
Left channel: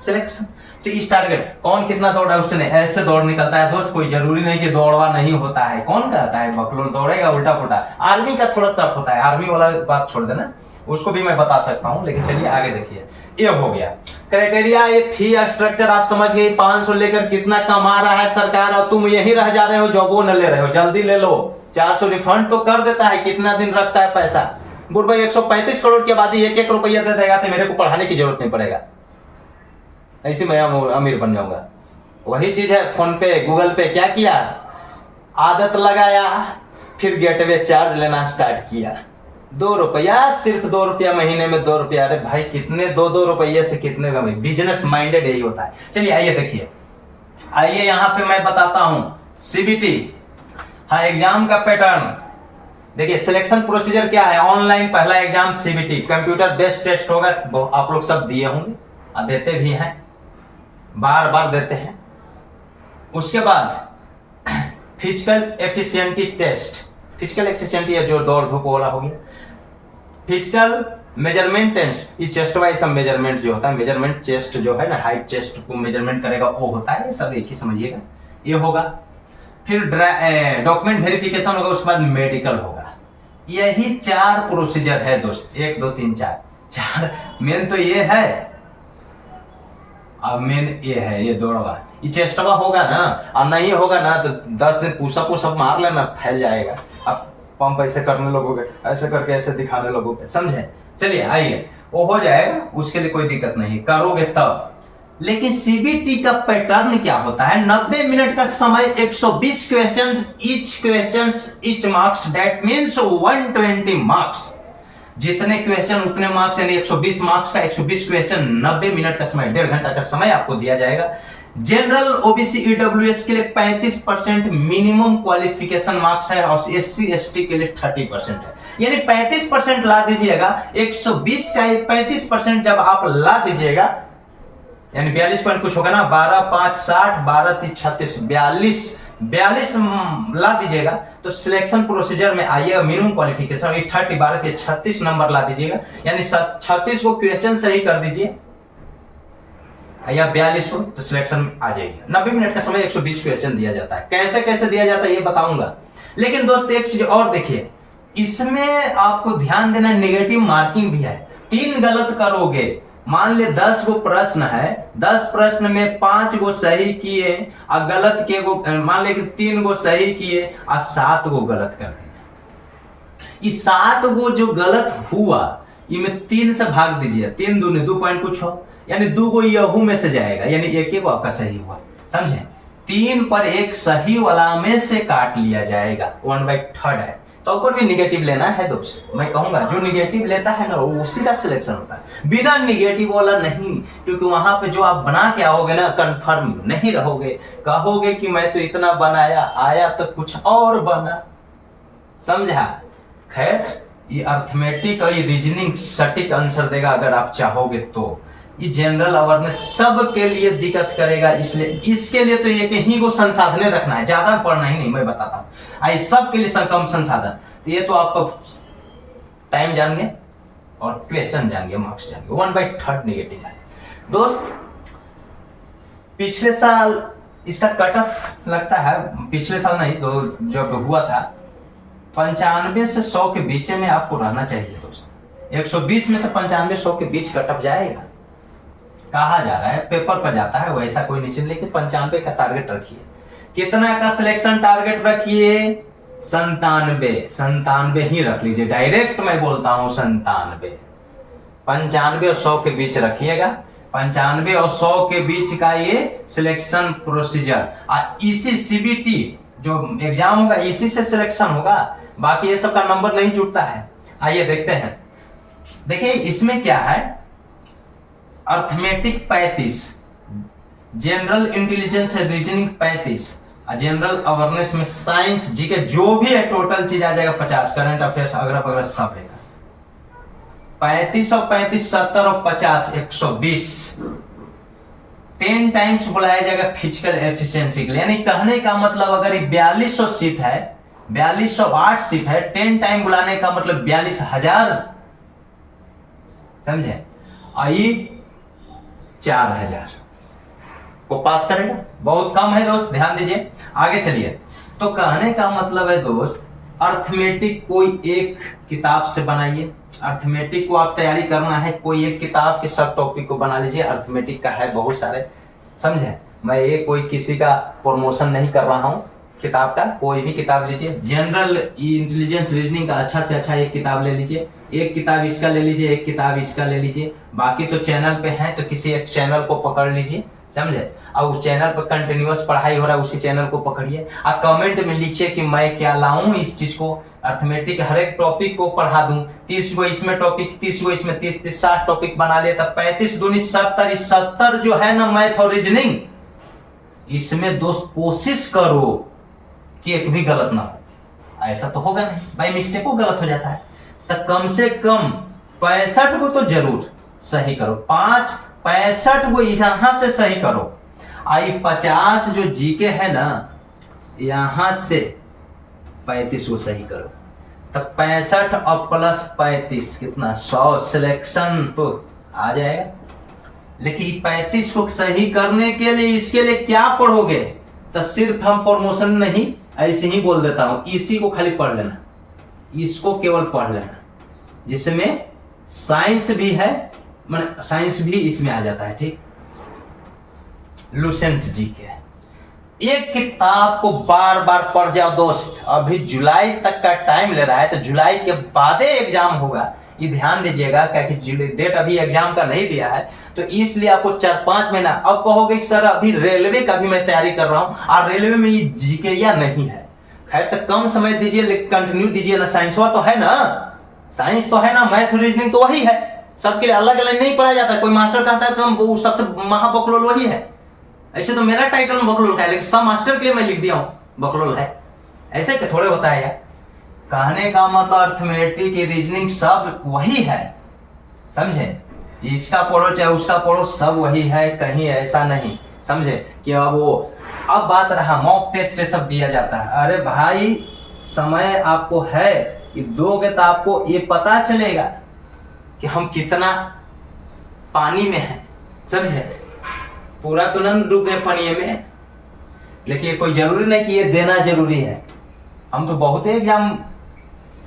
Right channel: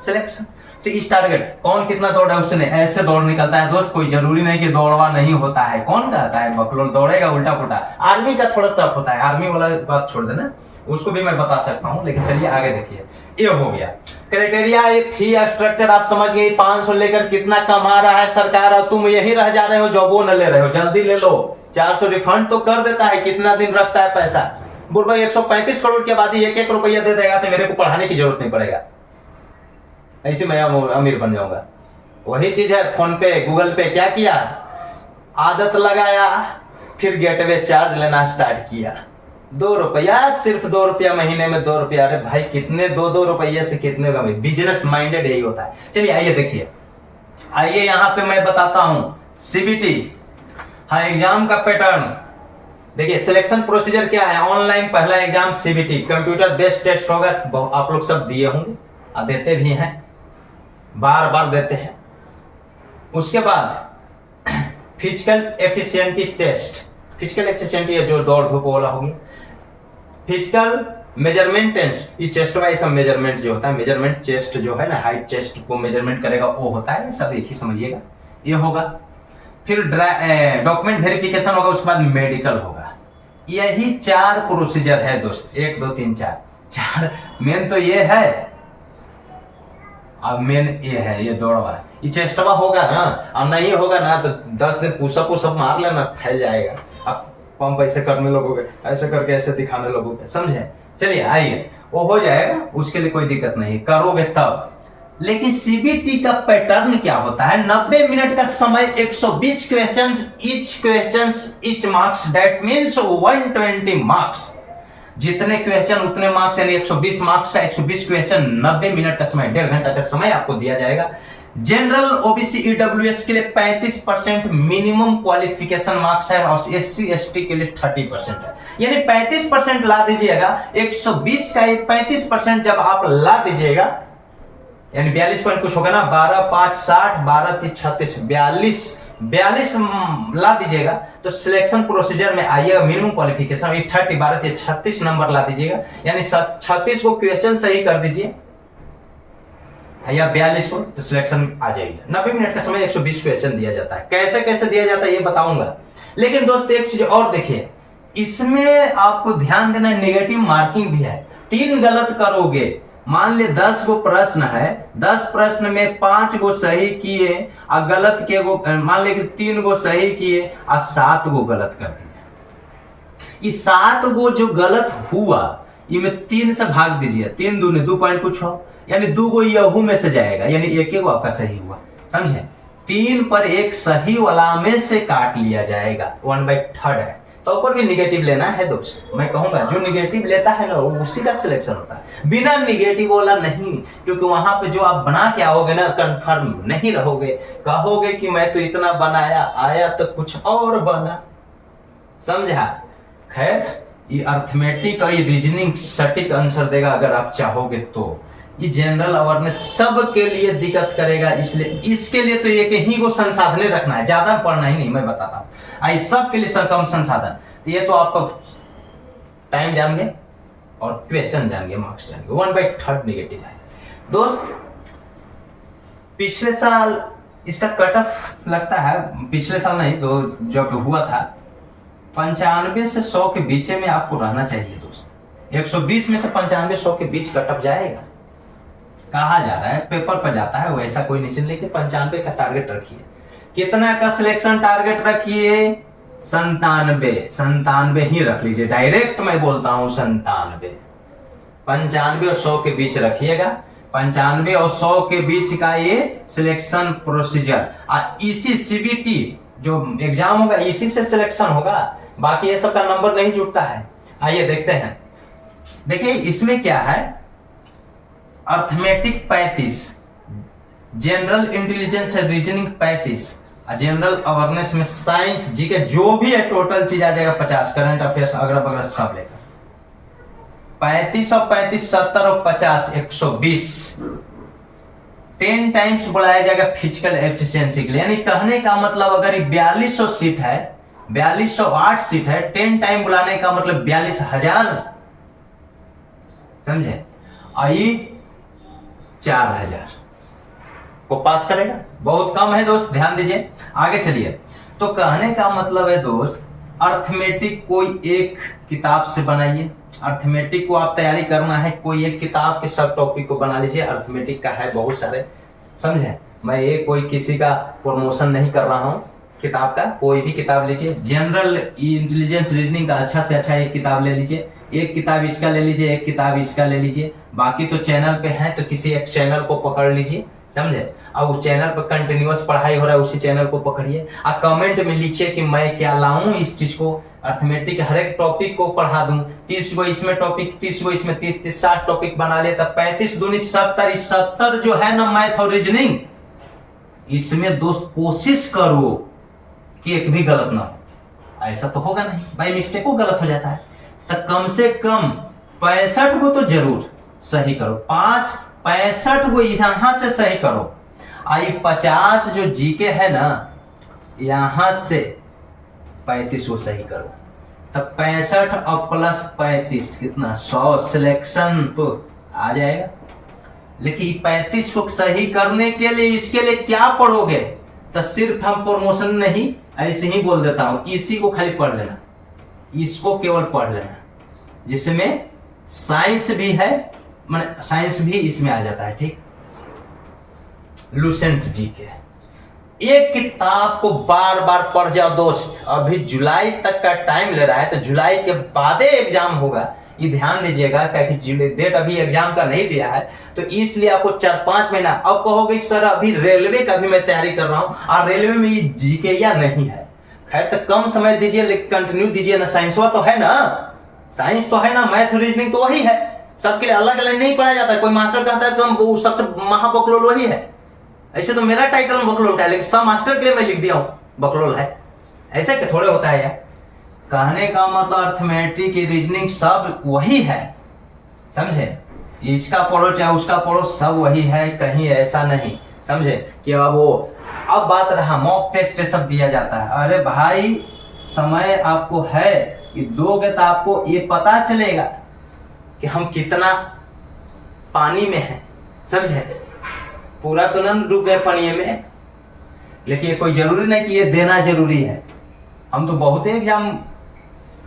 सिलेक्शन। तो इस टारगेट, कौन कितना दौड़ रहा है उससे नहीं, ऐसे दौड़ निकलता है दोस्त। कोई जरूरी नहीं कि दौड़वा नहीं होता है, कौन कहता है बकलोल दौड़ेगा उल्टा पुल्टा। आर्मी का थोड़ा टफ होता है, आर्मी वाला बात छोड़ देना, उसको भी मैं बता सकता हूं, लेकिन चलिए आगे देखिए। ये हो गया क्राइटेरिया, ये फी स्ट्रक्चर आप समझ गए। 500 लेकर कितना कमा रहा है सरकार और तुम यही रह जा रहे हो, जॉबो न ले रहे हो, जल्दी ले लो। 400 रिफंड तो कर देता है, कितना दिन रखता है पैसा। बुढ़ा 135 करोड़ की आबादी 1-1 रुपया दे देगा तो मेरे को पढ़ाने की जरूरत नहीं पड़ेगा, ऐसे मैं अमीर बन जाऊंगा। वही चीज है फोन पे गूगल पे, क्या किया, आदत लगाया, फिर गेटवे चार्ज लेना स्टार्ट किया। 2 रुपया, सिर्फ 2 रुपया महीने में, 2 रुपया। अरे भाई कितने 2-2 रुपये से कितने का, बिजनेस माइंडेड यही होता है। चलिए आइए देखिए, आइए यहां पे मैं बताता हूं सीबीटी, हाँ एग्जाम का पैटर्न देखिए। सिलेक्शन प्रोसीजर क्या है, ऑनलाइन पहला exam CBT, computer based test होगा। आप लोग सब दिए होंगे और देते भी हैं, बार बार देते हैं। उसके बाद फिजिकल एफिशिएंटी टेस्ट, फिजिकल एफिशिएंटी है जो दौड़ धूप वाला हो गया। फिजिकल मेजरमेंट टेस्ट, ये चेस्ट वाइज सब मेजरमेंट जो होता है, मेजरमेंट चेस्ट जो है ना, हाइट चेस्ट को मेजरमेंट करेगा वो होता है, सब एक ही समझिएगा, ये होगा। फिर डॉक्यूमेंट वेरिफिकेशन होगा, उसके बाद मेडिकल होगा। यही 4 प्रोसीजर है दोस्त, 1 2 3 4। मेन तो ये है, अब मेन ये है, ये दौड़वा, ये चेस्टवा होगा ना, और नहीं होगा ना तो 10 दिन पुशअप मार लेना, फैल जाएगा। अब पंप ऐसे करने लगोगे, ऐसे करके ऐसे दिखाने लगोगे, समझे। चलिए आइए, वो हो जाएगा, उसके लिए कोई दिक्कत नहीं, करोगे तब। लेकिन सीबीटी का पैटर्न क्या होता है, 90 मिनट का समय, 120 question, each marks, that means 120 marks. जितने क्वेश्चन उतने मार्क्स, यानी 120 मार्क्स का 120 क्वेश्चन, 90 मिनट का समय, 1.5 घंटा का समय आपको दिया जाएगा। जनरल ओबीसी ईडब्ल्यूएस के लिए 35% मिनिमम क्वालिफिकेशन मार्क्स है, और एससी एसटी के लिए 30% है, यानी 35% ला दीजिएगा। 120 का 35% जब आप ला दीजिएगा, यानी 42 पॉइंट कुछ होगा ना, 12 5 60, 12 3 36, 42 ला दीजिएगा तो सिलेक्शन प्रोसीजर में आइएगा। मिनिमम क्वालिफिकेशन 30, 12 3 36 नंबर ला दीजिएगा, यानी 36 को क्वेश्चन सही कर दीजिए या 42 को, तो सिलेक्शन आ जाएगी। 90 मिनट का समय, 120 क्वेश्चन दिया जाता है। कैसे कैसे दिया जाता है ये बताऊंगा, लेकिन दोस्त एक चीज और देखिए, इसमें आपको ध्यान देना, नेगेटिव मार्किंग भी है। 3 गलत करोगे, मान ले 10 गो प्रश्न है, 10 प्रश्न में 5 गो सही किए और गलत के गो, मान ले कि 3 गो सही किए और 7 गो गलत कर दिए। इस 7 गो जो गलत हुआ, इनमें 3 से भाग दीजिए, 3 दूनी 2 पॉइंट कुछ हो, यानी 2 गो यहू में से जाएगा, यानी 1 गो आपका सही हुआ, समझे। 3 पर 1 सही वाला में से काट लिया जाएगा, 1/3 है। तो ऊपर भी निगेटिव लेना है दोस्त, मैं कहूंगा जो निगेटिव लेता है ना उसी का सिलेक्शन होता है, बिना निगेटिव वाला नहीं। क्योंकि वहां पे जो आप बना के आओगे ना, कंफर्म नहीं रहोगे, कहोगे कि मैं तो इतना बनाया, आया तो कुछ और बना, समझा। खैर, ये अर्थमेटिक और ये रीजनिंग सटीक आंसर देगा अगर आप चाहोगे तो। ये जनरल अवेयरनेस सब के लिए दिक्कत करेगा, इसलिए इसके लिए तो एक ही को संसाधन रखना है, ज्यादा पढ़ना ही नहीं, मैं बताता हूँ। आई सब के लिए कम संसाधन, तो ये तो आपका टाइम जानेंगे और क्वेश्चन जानेंगे, मार्क्स जानेंगे। 1/3 नेगेटिव है दोस्त। पिछले साल इसका कट ऑफ लगता है, पिछले साल नहीं तो जब हुआ था, 95 से 100 के बीच में आपको रहना चाहिए दोस्त। 120 में से 95 100 के बीच कट ऑफ जाएगा, कहा जा रहा है, पेपर पर जाता है, वैसा कोई नहीं, लेकिन 95 का टारगेट रखिए। कितना का सिलेक्शन टारगेट रखिए, 97 ही रख लीजिए, डायरेक्ट मैं बोलता हूं 97। 95 और 100 के बीच रखिएगा, 95 और 100 के बीच का ये सिलेक्शन प्रोसीजर। इसी सीबीटी जो एग्जाम होगा इसी से सिलेक्शन होगा, बाकी ये सब का नंबर नहीं जुटता है। आइए देखते हैं, देखिए इसमें क्या है, अर्थमेटिक 35, जनरल इंटेलिजेंस है, रीजनिंग 35, जनरल अवेयरनेस में साइंस जीके जो भी है टोटल चीज आ जाएगा 50, करंट अफेयर्स अगला बगला सब लेगा। 35 और 35 70 और 50 120, 10 टाइम्स बुलाया जाएगा फिजिकल एफिशिएंसी के लिए। यानी कहने का मतलब अगर ये 4200 सीट है, 4208 सीट है, 10 टाइम बुलाने का मतलब 42,000, समझे। आई 4000 को पास करेगा, बहुत कम है दोस्त, ध्यान दीजिए। आगे चलिए, तो कहने का मतलब है दोस्त अर्थमेटिक कोई एक किताब से बनाइए। अर्थमेटिक को आप तैयारी करना है, कोई एक किताब के सब टॉपिक को बना लीजिए। अर्थमेटिक का है बहुत सारे, समझे। मैं ये कोई किसी का प्रमोशन नहीं कर रहा हूँ। किताब का कोई भी किताब लीजिए। जनरल इंटेलिजेंस रीजनिंग का अच्छा से अच्छा एक किताब ले लीजिए। एक किताब इसका ले लीजिए, एक किताब इसका ले लीजिए। बाकी तो चैनल पे है तो किसी एक चैनल को पकड़ लीजिए, समझे। और उस चैनल पर कंटिन्यूअस पढ़ाई हो रहा है, उसी चैनल को पकड़िए। और कमेंट में लिखिए कि मैं क्या लाऊं इस चीज को। अर्थमेटिक हर एक टॉपिक को पढ़ा दूं। 30 गो इसमें टॉपिक, 30 गो इसमें, 30 60 टॉपिक बना ले, तब 35 दूनी 70। 70 जो है ना मैथ और रीजनिंग, इसमें दोस्त कोशिश करो कि एक भी गलत ना हो। ऐसा तो होगा नहीं, बाई मिस्टेक को गलत हो जाता है। तो कम से कम 65 को तो जरूर सही करो। 65 को यहां से सही करो। आई 50 जो जीके है ना, यहां से 35 को सही करो। तब 65 और प्लस 35 कितना, 100 सिलेक्शन तो आ जाएगा। लेकिन 35 को सही करने के लिए इसके लिए क्या पढ़ोगे? तो सिर्फ हम प्रमोशन नहीं, ऐसे ही बोल देता हूं, इसी को खाली पढ़ लेना, इसको केवल पढ़ लेना, जिसमें साइंस भी है, माने साइंस भी इसमें आ जाता है। ठीक, लुसेंट जी के एक किताब को बार बार पढ़ जाओ दोस्त। अभी जुलाई तक का टाइम ले रहा है, तो जुलाई के बाद एग्जाम होगा, ये ध्यान दीजिएगा। क्योंकि डेट अभी एग्जाम का नहीं दिया है, तो इसलिए आपको 4-5 महीना। अब कहोगे कि सर अभी रेलवे का भी मैं तैयारी कर रहा हूं और रेलवे में ये जीके या नहीं है। खैर, तो कम समय दीजिए, लेकिन कंटिन्यू दीजिए ना। साइंस तो है ना, साइंस तो है ना, मैथ रीजनिंग तो वही है। सबके लिए अलग अलग नहीं पढ़ा जाता। कोई मास्टर कहता है तो वो सबसे महाबकलोल वही है। ऐसे तो मेरा टाइटल बकलोल का है, लेकिन सब मास्टर के लिए मैं लिख दिया हूं बकलोल है। ऐसे के थोड़े होता है यार। कहने का मतलब अर्थमेटिक, रीजनिंग सब वही है, समझे। इसका पढ़ो चाहे उसका पढ़ो, सब वही है, कहीं ऐसा नहीं, समझे। कि अब बात रहा मॉक टेस्ट सब दिया जाता है। अरे भाई, समय आपको है कि दोगे तो आपको ये पता चलेगा कि हम कितना पानी में हैं, समझे। पूरा तो न डूबे पानी में, लेकिन कोई जरूरी नहीं कि ये देना जरूरी है। हम तो बहुत एग्जाम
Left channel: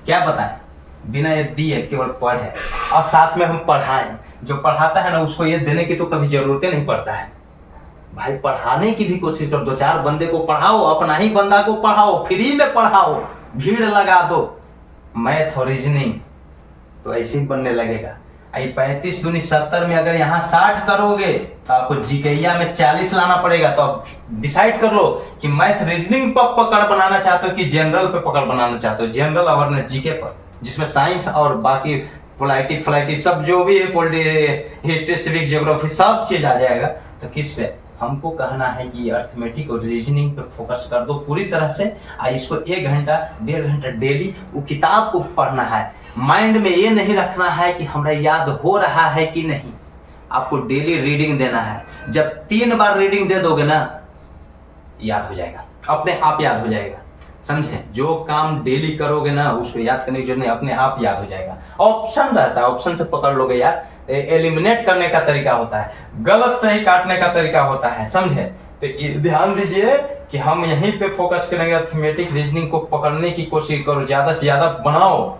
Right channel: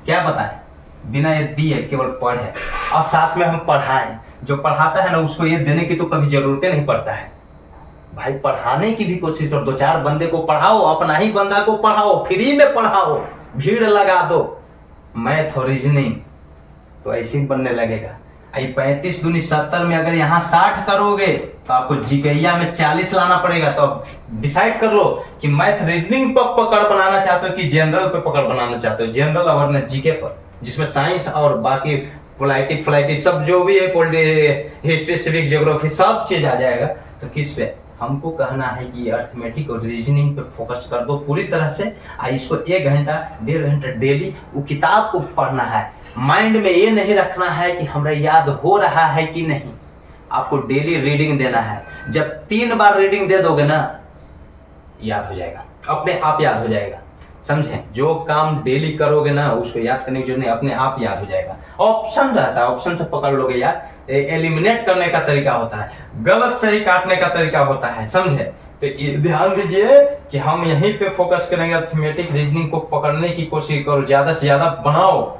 क्या बताएं, बिना ये दिए केवल पढ़े और साथ में हम पढ़ाएं। जो पढ़ाता है ना, उसको ये देने की तो कभी जरूरत नहीं पड़ता है। भाई, पढ़ाने की भी कोशिश करो। 2-4 बंदे को पढ़ाओ, अपना ही बंदा को पढ़ाओ, फ्री में पढ़ाओ, भीड़ लगा दो। मैथ और रीजनिंग तो ऐसे ही बनने लगेगा। 35 दूनी 70 में अगर यहाँ 60 करोगे तो आपको जीकेईया में 40 लाना पड़ेगा। तो अब डिसाइड कर लो कि मैथ रीजनिंग पर पकड़ बनाना चाहते हो कि जनरल पे पकड़ बनाना चाहते हो। जनरल अवेयरनेस जीके पर, जिसमें साइंस और बाकी पोलिटिक सब जो भी है, हिस्ट्री, सिविक्स, ज्योग्राफी सब चीज आ जाएगा। तो किस पे हमको कहना है कि अर्थमेटिक और रीजनिंग पे फोकस कर दो पूरी तरह से। इसको 1 घंटा 1.5 घंटा डेली वो किताब को पढ़ना है। माइंड में ये नहीं रखना है कि हमरा याद हो रहा है कि नहीं, आपको डेली रीडिंग देना है। जब 3 बार रीडिंग दे दोगे ना, याद हो जाएगा, अपने आप याद हो जाएगा, समझे। जो काम डेली करोगे ना, उसको याद करने की जरूरत नहीं, अपने आप याद हो जाएगा। ऑप्शन रहता है, ऑप्शन से पकड़ लोगे यार। एलिमिनेट करने का तरीका होता है, गलत सही काटने का तरीका होता है, समझे। तो ध्यान दीजिए कि हम यहीं पे फोकस करेंगे। अर्थमेटिक रीजनिंग को पकड़ने की कोशिश करो, ज्यादा से ज्यादा बनाओ।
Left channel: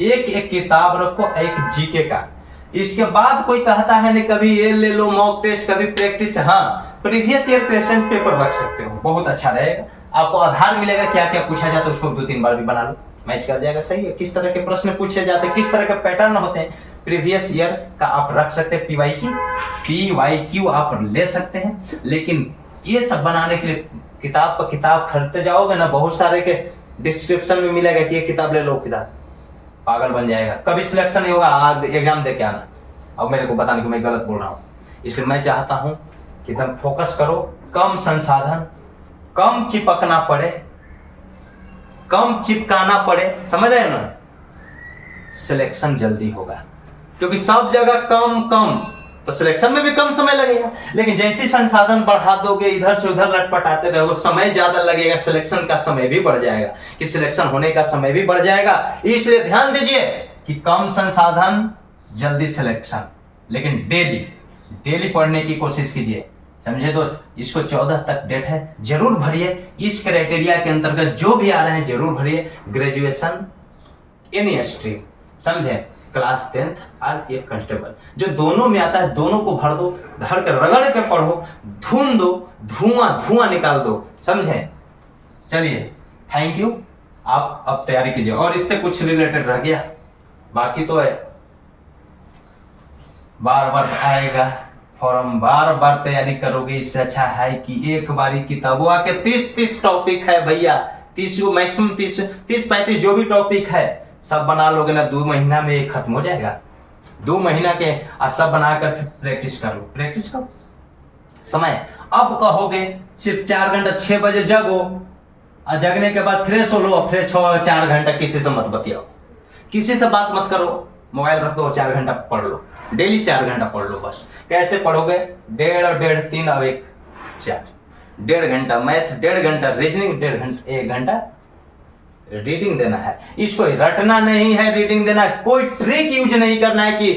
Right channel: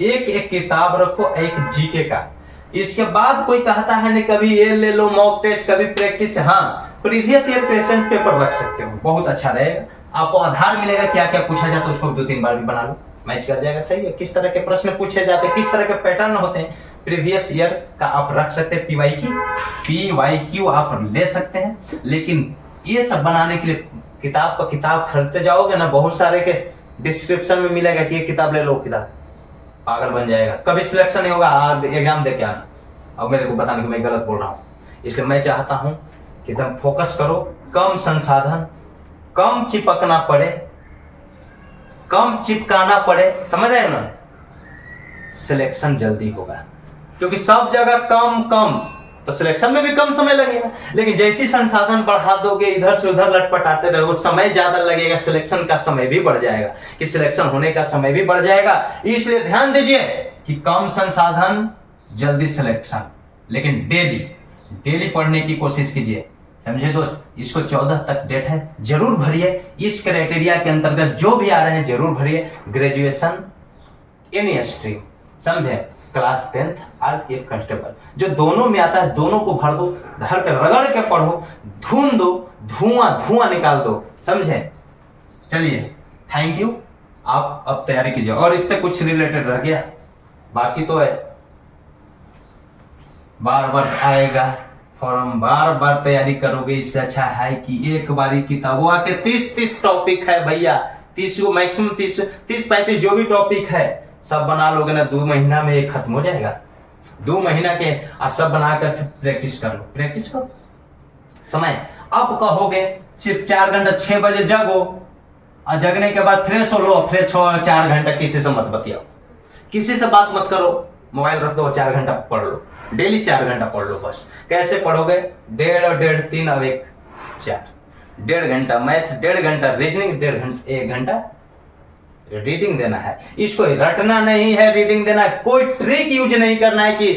एक किताब रखो, एक जीके का। इसके बाद कोई कहता है नहीं, कभी ये ले लो मॉक टेस्ट, कभी प्रैक्टिस। हाँ, प्रीवियस ईयर क्वेश्चन पेपर रख सकते हो, बहुत अच्छा रहेगा। आपको आधार मिलेगा, क्या क्या पूछा जाता है उसको 2-3 बार भी बना लो, मैच कर जाएगा। सही है, किस तरह के प्रश्न पूछे जाते हैं, किस तरह के पैटर्न होते हैं, प्रीवियस ईयर का आप रख सकते हैं। PYQ आप ले सकते हैं। लेकिन ये सब बनाने के लिए किताब पर किताब खरीदते जाओगे ना, बहुत सारे के डिस्क्रिप्शन में मिलेगा कि ये किताब ले लो, किताब पागल बन जाएगा, कभी सिलेक्शन नहीं होगा। एग्जाम दे के आना। अब मेरे को बताने कि मैं गलत बोल रहा हूं, इसलिए मैं चाहता हूं कि तुम फोकस करो। कम संसाधन, कम चिपकना पड़े, कम चिपकाना पड़े, समझ रहे हो ना, सिलेक्शन जल्दी होगा। क्योंकि सब जगह कम कम, तो सिलेक्शन में भी कम समय लगेगा। लेकिन जैसे संसाधन बढ़ा दोगे, इधर से उधर लटपटाते रहोगे, समय ज्यादा लगेगा, सिलेक्शन का समय भी बढ़ जाएगा, कि सिलेक्शन होने का समय भी बढ़ जाएगा। इसलिए ध्यान दीजिए कि कम संसाधन, जल्दी सिलेक्शन। लेकिन डेली पढ़ने की कोशिश कीजिए। समझे दोस्त, इसको 14 तक डेट है, जरूर भरिए। इस क्राइटेरिया के अंतर्गत जो भी आ रहे हैं जरूर भरिए। ग्रेजुएशन एनी स्ट्रीम, समझे, क्लास 10th RPF कांस्टेबल, जो दोनों में आता है दोनों को भर दो, धर कर रगड़ के पढ़ो, धूम दो, धुआं धुआं निकाल दो, समझे। चलिए, थैंक यू। आप अब तैयारी कीजिए। और इससे कुछ रिलेटेड रह गया बाकी तो है, बार बार आएगा फॉर्म, बार बार तैयारी करोगे, इससे अच्छा है कि एक बारी किताब वो आके 30 टॉपिक है भैया, 30 को मैक्सिमम 30-35 जो भी टॉपिक है सब बना लोगे ना, 2 महीना में ये खत्म हो जाएगा। 2 महीना के और सब बनाकर प्रैक्टिस कर लो, प्रैक्टिस करो। समय अब कहोगे सिर्फ 4 घंटा, 6 बजे जगो और जगने के बाद फ्रेश हो लो, फिर 4 घंटा किसी से मत बतियाओ, किसी से बात मत करो, मोबाइल रख दो, 4 घंटा पढ़ लो, डेली 4 घंटा पढ़ लो बस। कैसे पढ़ोगे? 1.5 और 1.5 3 और 1 4, 1.5 घंटा मैथ, 1.5 घंटा रीजनिंग, 1 घंटा रीडिंग देना है। इसको रटना नहीं है, रीडिंग देना है। कोई ट्रिक यूज नहीं करना है कि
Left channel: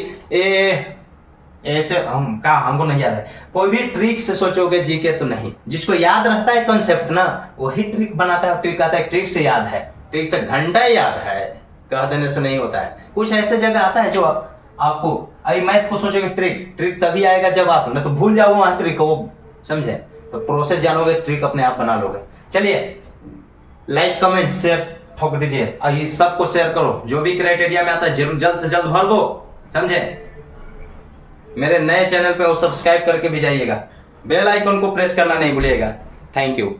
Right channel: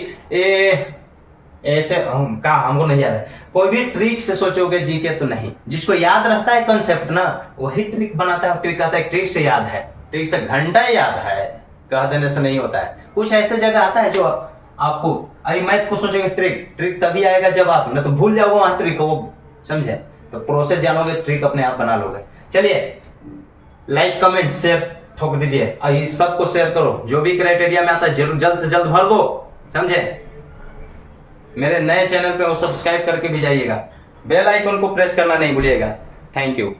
ऐसे हमको नहीं याद है। कोई भी ट्रिक से सोचोगे जीके तो नहीं। जिसको याद रहता है कंसेप्ट ना, वही ट्रिक बनाता है। ट्रिक आता है, ट्रिक से याद है, ट्रिक से घंटा याद है, कह देने से नहीं होता है। कुछ ऐसे जगह आता है जो आपको, अभी मैथ को सोचोगे ट्रिक तभी आएगा जब आप, ना तो भूल जाओगे वहां ट्रिक वो, समझे। तो प्रोसेस जानोगे, ट्रिक अपने आप बना लोगे। चलिए, लाइक कमेंट शेयर ठोक दीजिए और ये सबको शेयर करो। जो भी क्राइटेरिया में आता है जरूर जल्द से जल्द भर दो, समझे। मेरे नए चैनल पे वो सब्सक्राइब करके भी जाइएगा, बेल आइकन को प्रेस करना नहीं भूलिएगा। Thank you.